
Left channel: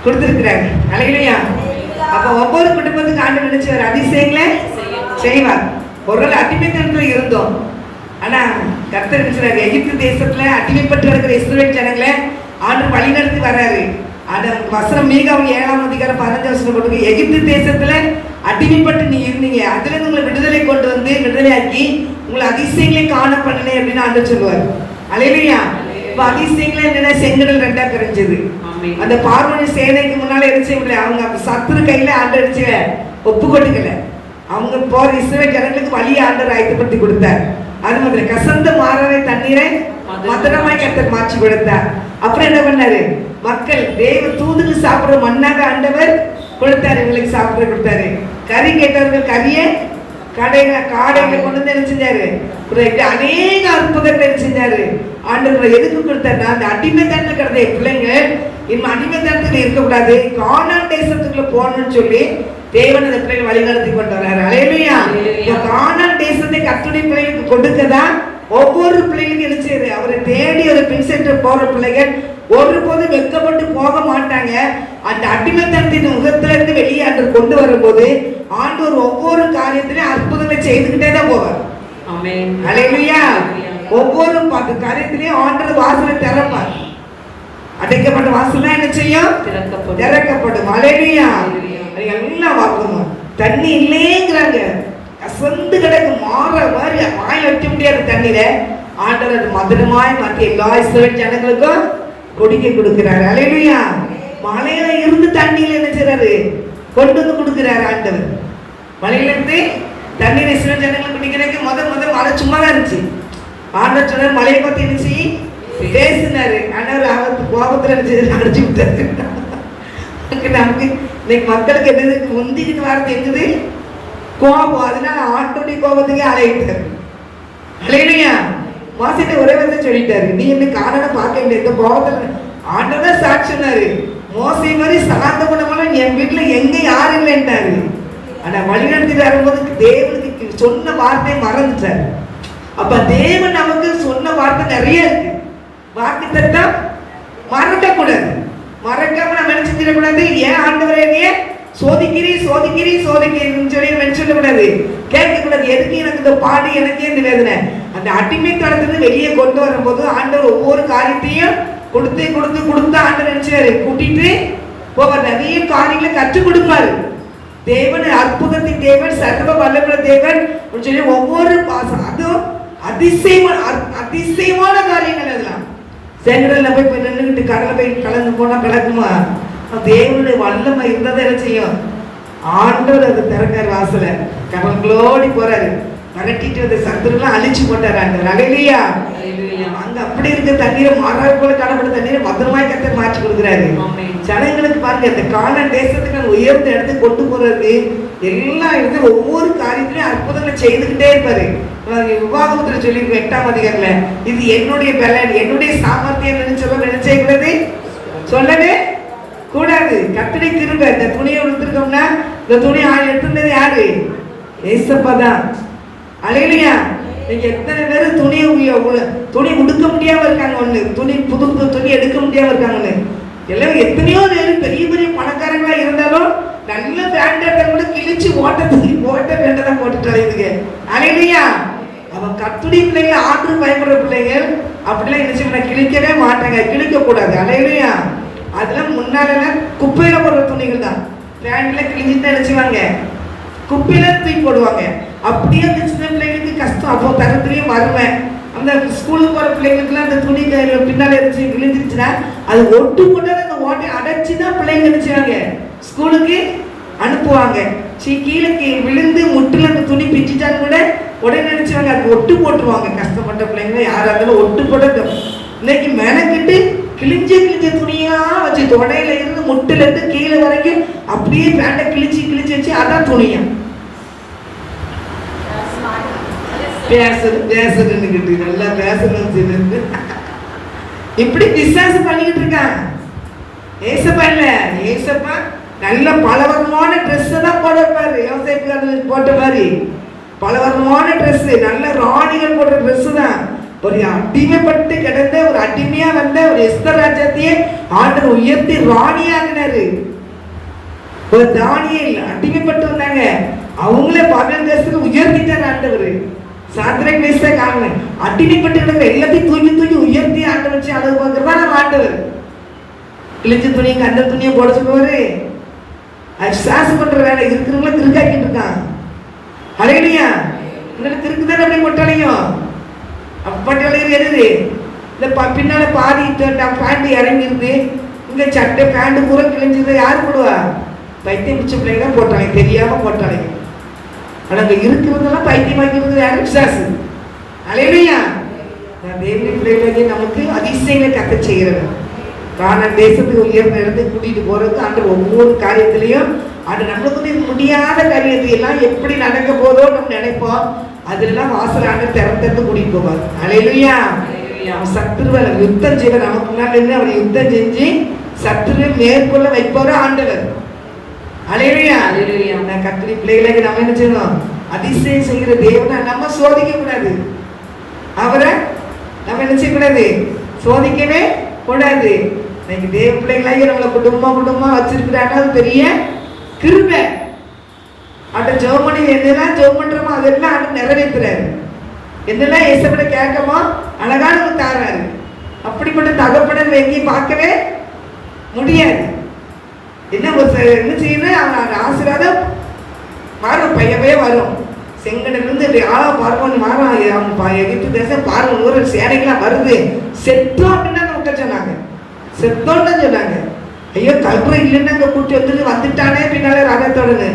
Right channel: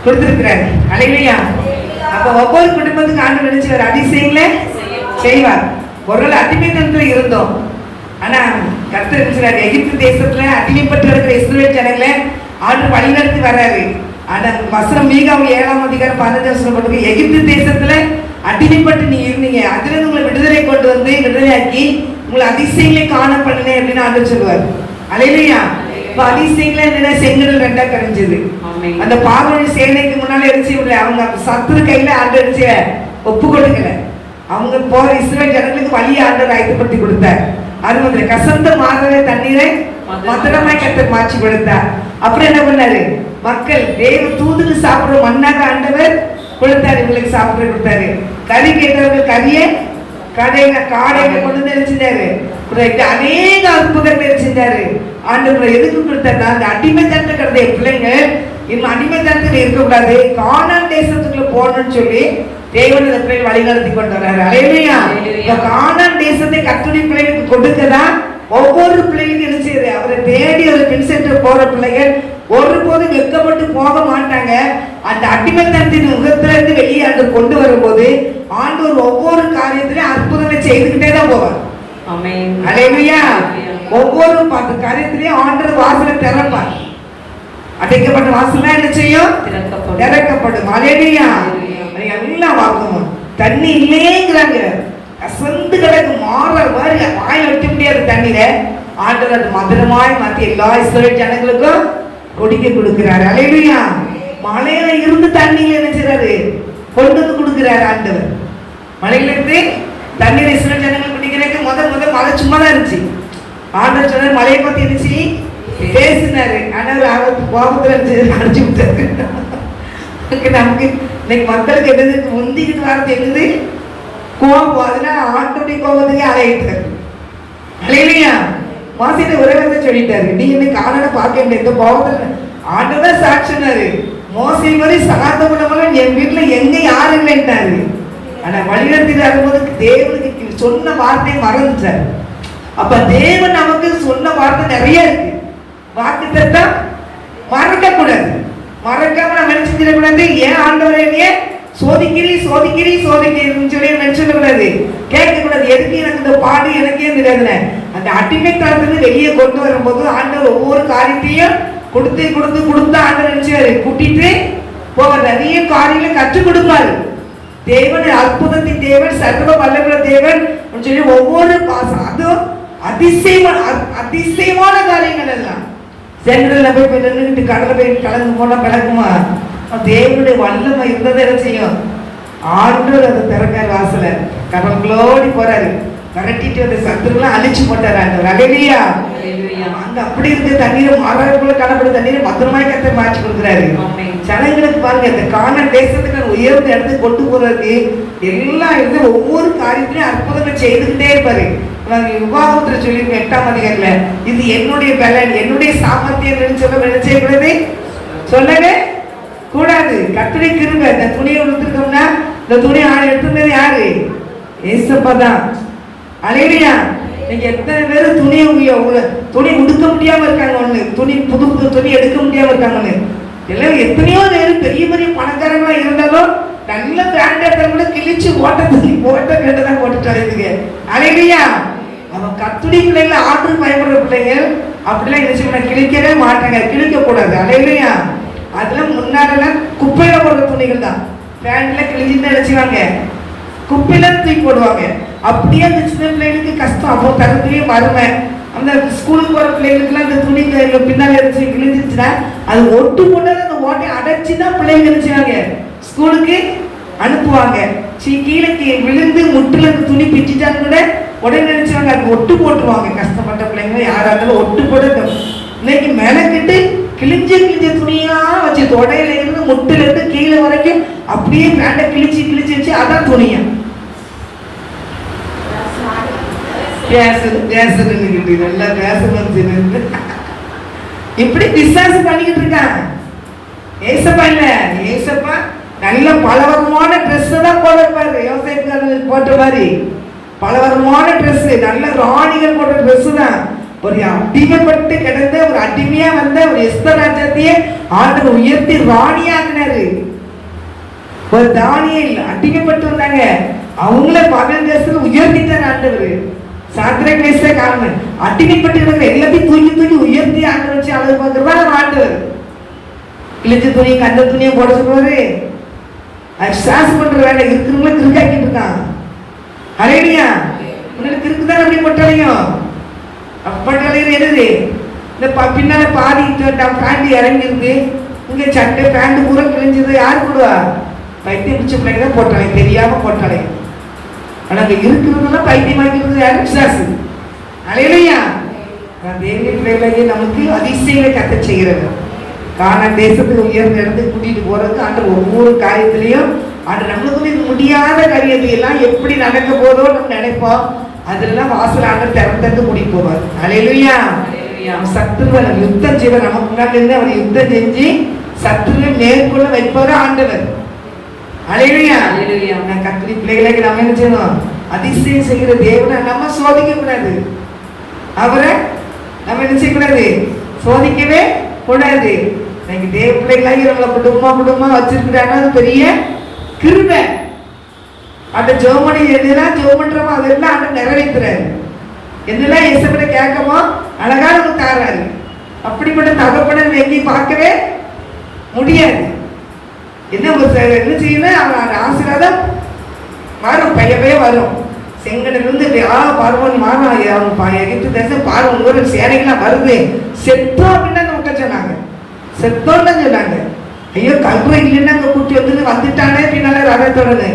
கொடுத்திருக்கிறாரு. அல்லேலூயா. அப்ப ஒவ்வொரு குடும்பத்துக்கு ஆண்டவர் நினைச்சவர் அதிசயங்களை செய்வார். ஒரு நாள் அடிமைத்தனத்துல இருந்தோம். ஆனா கர்த்தர் நினைச்சாரு, எகிப்து தேசத்துல அடிமைப்பட்டு இருக்கிற இஸ்ரவேல் ஜனங்களை ஆண்டவர் வழிநடத்தி வர்றாரு. ஆனா வசனம் மீகாம் 7ஆம் அதிகாரம் 15 வசனம் போட்டு, எகிப்து தேசத்துல அடிமைப்பட்டு நீ இருந்தீங்க, அதுல இருந்து உங்களை விடுதலை கொண்டு வந்து விடுதலையாக்கி உங்களை அதிசயங்களை காணப்படனே அப்படின்னு ஆண்டவர் சொல்லுவார். அல்லேலூயா. அதிசயங்களை என்ன, செங்கடல் ரெண்டா கரைஞ்சது. அந்த பார்வோன் சேனைக்கு முன்னால இருந்துச்சு, அவங்க சத்துரு கையில ஆண்டவர் இருந்துச்சு ஒப்பு கொடுக்கல. அவங்க போற இஸ்ரவேல் ஜனங்களுக்கு வழியை ஆண்டவர் ஆயத்தப்படுத்தி கொடுத்தார். அது மாதிரி கசந்த மாறவே தண்ணீரை மதுரமாய் கர்த்தர் மாற்றி கொடுத்தார். அப்புறம் என்ன பண்ணாரு, மக்கள் தேவ தூதுக்கு சாப்பிடுற மண்ணாக ஆண்டவர் கொடுத்தாரு, இவங்களுக்கு சாப்பிட கொடுத்தாரு. கறி கேட்டவர்கள் கறியை காடைகளை கொண்டு வந்து செஞ்சாரு. அநேக அற்புதங்கள் செஞ்சாரு. ஆண்டவர் எதுக்கு கொடுத்தாரு, அந்த அடிமைத்தனத்துல கிடந்த பிள்ளைங்க இன்னும் அடிமைத்தனத்துல இருக்கக்கூடாது, கானான் தேசத்துக்குள்ள போகணும்னு சொல்லி தேவன் அந்த பிள்ளைகள் வழிநடத்தி கொண்டு வர்றாரு. அல்லேலூயா. கானான் தேசத்தை கர்த்தருடைய பிள்ளைகளுக்கு கொடுக்கதான் ஒவ்வொரு பிள்ளைகளுக்கும் இருந்துச்சு. அவரை தேடி ஒரு பின் சென்டர் போற பிள்ளைகள் ஒருபோதும் வெட்கப்பட்டு போக மாட்டாங்க. அந்த அடிமைத்தனத்தின் முகத்துல இருந்து வெளியே அன்று கொண்டு வரும்போது ஆண்டவர் ஒவ்வொரு காரியத்திலும் அற்புதங்களை செய்துக்கிட்டே தான் போவார். அல்லேலூயா. ஒவ்வொரு காரியத்திலையும் ஆண்டவர் வாசலை திறப்பார். அடைக்கப்பட்ட வாசல்லாம் என்ன செய்யும், திறக்கப்படும். அல்லேலூயா. எல்லாம் வாக்கணும். தண்ணி இல்லையேங்கிறாங்க, அசந்து கிடக்கு மாற மாதிரி வாய் வைக்க முடியாத தண்ணீரை ஆண்டவர் அது மதுரமாய் மாற்றி எல்லா இஸ்ரவேல் ஜனங்களுக்கும் குடிக்க கொடுக்கிறாரு. அல்லேலூயா. மலையில இருந்து தண்ணீர் என்ன செய்றாரு, கொண்டு வந்து கொடுக்கிறாரு ஆண்டவர். மலையில இருந்து தண்ணீர் இஸ்ரவேல் ஜனங்கள் குடிக்கிறதுக்கு முதல் மழை சும்மா தான் இருந்துச்சு. ஆண்டவர் சொன்னார், மலையை பத்தி இருந்துச்சு பேசினாரு. ஆண்டவர் ஆபத்து கோபத்துல அடிச்சு விட்டாரு. நமக்கு இன்னைக்கு மக்களுக்கு என்னது முந்திக்கிட்டு வார்த்தை என்னது, கோபம். அதனால ஆண்டோடைய கோபத்துக்கே அலையிட்டாரு. அல்லேலூயா. மாசிட்ட உலகத்தை சொல்லிட்டாரு, நீ இன்னைக்கு காரணம் பார்க்க முடியாது கோபத்துல. ஆண்டவர் சாட்சினாரு, மோசை மாதிரி சார்ந்த குணங்களும் என் வீட்டுல எங்க யாரும் இல்லைன்ட்டாரு. ஆனா வழிநடத்திட்டு வரும்போது தேவனுக்கு சொன்ன வார்த்தையை மறந்துட்டாரு. அப்ப தேவன் நமக்கு சொன்ன வார்த்தை நிறைய இருக்கு. வாக்குத்தத்தத்தை மறக்க கூடாது. மறக்காம நம்ம என்ன செஞ்சிடக்கூடாது, ஏன் ஆண்டவரே என்னைய சோதிக்கிறீன்னு சொல்லி நினைச்சிடக்கூடாது, கேட்கக்கூடாது. எதுக்கு எனக்கு இந்த பாடு, எனக்கே தெரியாதுல. அந்த அடிமைத்தனத்துல வெளியே கொண்டு வரும்போது ஆண்டவர் ஒவ்வொரு காரியத்தையும் கொடுத்து ஆண்டவர் நினைச்சாரு கூட்டிட்டு போக நிறைய காரியங்களை கற்றுக் கொடுப்பாரு. தேவன் அற்புதத்தின் தேவன், சர்வ வல்லமுள்ள தேவன் சொல்லி ஒவ்வொரு அதுவும் அதிசயமான காரியங்கள் எல்லாம் செங்கடல்ல போய் நின்றுகிட்டு கடலை போய் கலந்து போனா கிடக்குமா? தேவனுடைய வல்லமை இருந்ததை என்ன செய்யும், ஆண்டவர் அதை திறக்காரு. வாசல கடவுளோடி போறாரு, விரட்டிட்டு அந்த சத்துருலாம் அழிச்சு போட்டாரு ஆண்டவர். அல்லேலூயா. அங்க அப்படி இருக்க தண்ணீரை மரக்குள்ள காணப்படும் தண்ணீரை மொத்தமாய் கத்த மாற்றி கொடுக்குறாரு. ஜனங்களுக்கு பாருங்க, இந்த கானான் தேசத்துக்கு உயர்ந்த இடத்துக்கு கொண்டு போறதுக்கு எல்லா இடத்துல ஒவ்வொரு காரியத்திலையும் அற்புதங்கள் செய்துக்கிட்டே இருப்பாரு. விவாகத்துல சொல்லியிருக்கேன் 8ஆம் அதிகாரத்துல, இது என்னுடைய பலன், என்னுடைய சாமர்த்தியம் சொல்ல நினைச்சேங்கிறது சொல்லவே கூடாது. கர்த்தருடைய கிருபை. இந்த துணியை எடுத்துருக்கோம்னா இந்த துணி எடுத்துருந்தது யாரு? ஏசப்பா தான். அல்லேலூயா. நீங்க எத்தனை பேர் துணி உடுக்க முடியாம இருக்காங்க, ஒண்ணு புது துணி எடுக்க முடியாம இருக்காங்க. ஒண்ணு எல்லாம் எத்தனையோ பேர் பெரிய பெரிய பணக்கார இருந்தாலும் நல்ல பேண்ட் எடுத்தவங்க கிழிச்சு ஓட்டத்துக்கு போட்ட பேண்ட் தான் போட்டுட்டு அழைக்குங்க. அலையிலையா அவன் கத்துடி பிள்ளைங்க ஆர்டர் பயப்படுற பிள்ளைங்க அப்படிலாம் என்ன செய்யணும், கிழிக்கவே மாட்டாங்க, கிழிக்க கூடாது. அலையிலையா அதெல்லாம் முன்னாடி குப்பையில போடுற துணிகள் தான். பேண்ட்ல கிழிஞ்சுன்னு நினைச்சுவாங்க, குப்பையில தூக்கி போடுவாங்க. அப்படியே அந்த சின்ன பிள்ளைங்களுக்கு கஷ்டம். அப்போ தகத்திலேயே வருவேன். அந்த ஸ்கூலுக்கு போகிற பிள்ளைங்களுக்குலாம் அந்த துணி பின்னால் இருந்துச்சு கிழிஞ்சிருச்சுன்னா அது ஒட்டு போட்டு அந்த ஓட்டை அடைச்சி தான் பிள்ளைங்க நினைச்சாங்க ஸ்கூலுக்கு அனுப்புவாங்க. கீழே விழுந்து முட்டில் அந்த துணி பிச்சுட்டாலும் கூட உடனே நினைச்சாங்க அது ஒட்டு போட்டுருவாங்க. கஷ்டப்பட்ட பிள்ளைங்க யாராக இருந்தாலும் ஒட்டு போட இன்னைக்கு மெனக்கிட்டு கிழிஞ்ச துணியா வச்சு தொடையில இருந்து முட்டில இருந்து கீழே வரைக்கும் அப்படியே பேண்டை கிழிச்சு வச்சு அதான் துணியா பேசுறதுன்னு நல்லா பேசணும். இப்படி விசுவாசம் பண்ணிக்கிட்டு இருக்கான். ஏசப்பா இல்ல, ஏசப்பா நல்ல பலவரமான ட்ரெஸ் தான் போடுவாரு. யோசேப்பு போட்ட மாதிரி பலவரமான ட்ரெஸ், நல்ல ராணிகள் போட்ட ட்ரெஸ் தான். ஒரு அடிமைப்பட்டு கிடந்த ஒரு அடிமையா வந்த ஒரு எஸ்தர் ராஜாத்தையே ஆண்டவர் உயர்த்தி ராணியாகினாரு. ஒரு தானியேல் அடிமைப்பட்டு வந்தாங்க, அவங்கள பகல் தேசத்துல உயர்த்திட்டார் ஆண்டவர். சாத்திரக் மேஷாக் அடிமைப்பட்டு எல்லாத்தையும் தூக்கி உயர்த்தி ஆண்டவர் வச்சு அளவு பார்க்கிறவா ஆண்டவர். கிழிஞ்ச துணியை கந்த துணியை போட சொல்லுவாரு. அது சாசு பண்ற வேலை இருக்கிறவங்களும் திருக்காக்கிட்டு இருக்கான். அரையணியா உங்களுக்கு இருக்குதானே அப்படி கொட்டாலையும் அப்பட்டாலையும் எது இந்த பின்னால பாதி பேண்ட் இறங்கிருந்து இங்க சட்டை பேண்ட் பூரா கிழிஞ்சது யாரு போடுவா? பைத்தியம் பிடிச்ச பிள்ளைங்க தான் போட்டாலே, தெரியாம போட்டாலே. ஆனா அங்க இருக்கிறதெல்லாம் பைத்தியம் வாங்கிட்டு யாரும் விசாசு. அலையிலையா தேவனுடைய பிள்ளைகளை நமக்கு அதிசயங்களை கத்த செய்கிறது. காண தேசத்துக்கு உயர்ந்த இடத்துக்கு கூட்டிட்டு போறது ஆண்டு ஒவ்வொரு காரியத்திலையும் ஆண்டு நம்மளுக்கு முடியாத காரியத்தை எல்லாம் எப்படி நடக்க போதோ நம்ம நினைப்போம். அதுலாம் வாசல் ஆண்டு திறந்து கூட்டிட்டு போவார். அலையிலையா சத்துருவ யுத்தம் செய்வார். நமக்கு முன்னாடி இருந்து அவர் யுத்தம் செஞ்சு சத்துருவை மேற்கொள்ள வைப்பாரோ ஆண்டவர். அலையிலையா கத்திரி பிள்ளைகளுக்கு நம்ம என்ன செய்யணும்? அதிசயம் செய்கிற தேவனை நம்ம சோதிக்க கூடாது. அவரை நம்ம என்ன செய்யக்கூடாது? சோதிக்கவே கூடாது. இன்னைக்கு தேவ பிள்ளைகளாக நம்மளை குடும்பமா வச்சிருக்கிறாங்க. அது பெரிய கிருபை. அந்த ஜெபமணி எதெல்லாம் ஜெபம் பண்றோமோ அதெல்லாம் ஆண்டு நிறைவேற்றுறாரு. என்னெல்லாம் இயேசுவிட கேட்கமோ அழகா நமக்கு தாராரு. அப்படிப்பட்ட தகப்பனை எங்கேயும் பார்க்கவே முடியாது. என்ன செய்யணும்? அவன் ஆசீர்வாதம் வரும், பையவே வரும். செங்கடலிருந்து பார்வன் மாறும். அவன் எகிப்து தேசம் பார்வன் ஒரு சேனைகள்லாம் வருது. செத்தோம் அப்படின்னா நமக்கு சொன்னாங்க, செத்தோன்னு தான் சொன்னாங்க. ஐயோ கல்புரை இல்லைன்னா அங்கே கூட்டி வந்துட்டானே பின்னால ரதத்தோடனு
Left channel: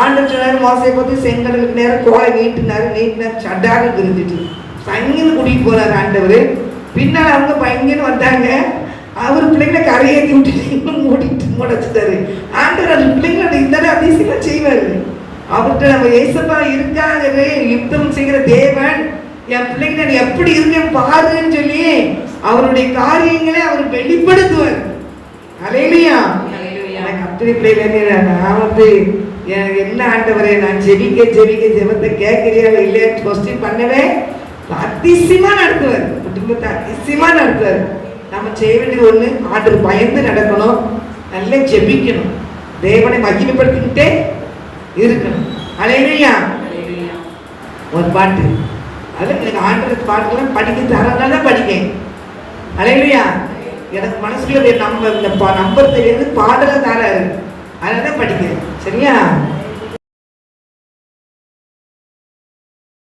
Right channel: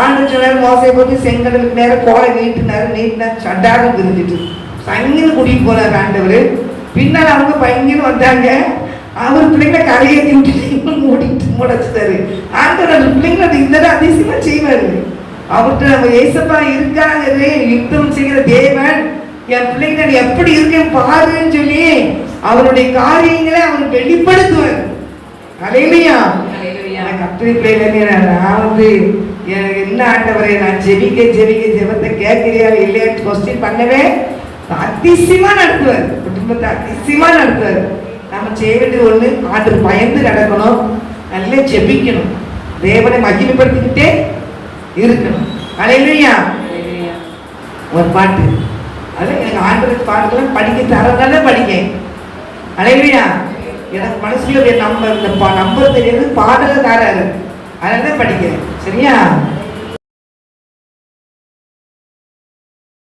ஆண்டு சொன்னார். மோசையை போட்டு செங்கடலுக்கு நேரம் கோலை நீட்டினா சட்டாரு தெரிஞ்சிட்டு சங்கின்னு கூட்டிட்டு போனார் ஆண்டவர். பின்னால் அவங்க பையன்னு வந்தாங்க. அவர் பிள்ளைங்களை கரையை விட்டுட்டு மூடிச்சுட்டாரு ஆண்டவர். அந்த பிள்ளைங்களை இந்த அதிசயமா செய்வாரு. அவர்கிட்ட நம்ம ஏசப்பா இருக்காரு, யுத்தம் செய்கிற தேவன், என் பிள்ளைங்க எப்படி இருக்கேன் பாருன்னு சொல்லி அவருடைய காரியங்களை அவர் வெளிப்படுத்துவார். அலையிலையா கத்திரி பிள்ளைங்க நான் எனக்கு என்ன ஆண்டவரே, நான் ஜெபத்தை கேட்கிறியா இல்லையா கொஸ்டின் பண்ணவே அதிசயமா நடத்துவார். குடும்பத்தை அதிசயமா நடத்துவார். நம்ம செய்ய வேண்டியது ஒண்ணு, ஆண்டவர் பயந்து நடக்கணும், நல்லா ஜெபிக்கணும், தேவனை மகிமைப்படுத்திக்கிட்டே இருக்கணும். அலையிலையா ஒரு பாட்டு அது எனக்கு ஆண்டவர் பாட்டுலாம் படிக்க தரனால படிக்கேன். அலையிலையா எனக்கு மனசுல நம்பர் தெரியாது, பாடல தராரு, அதனால படிக்கிறேன். சரியா?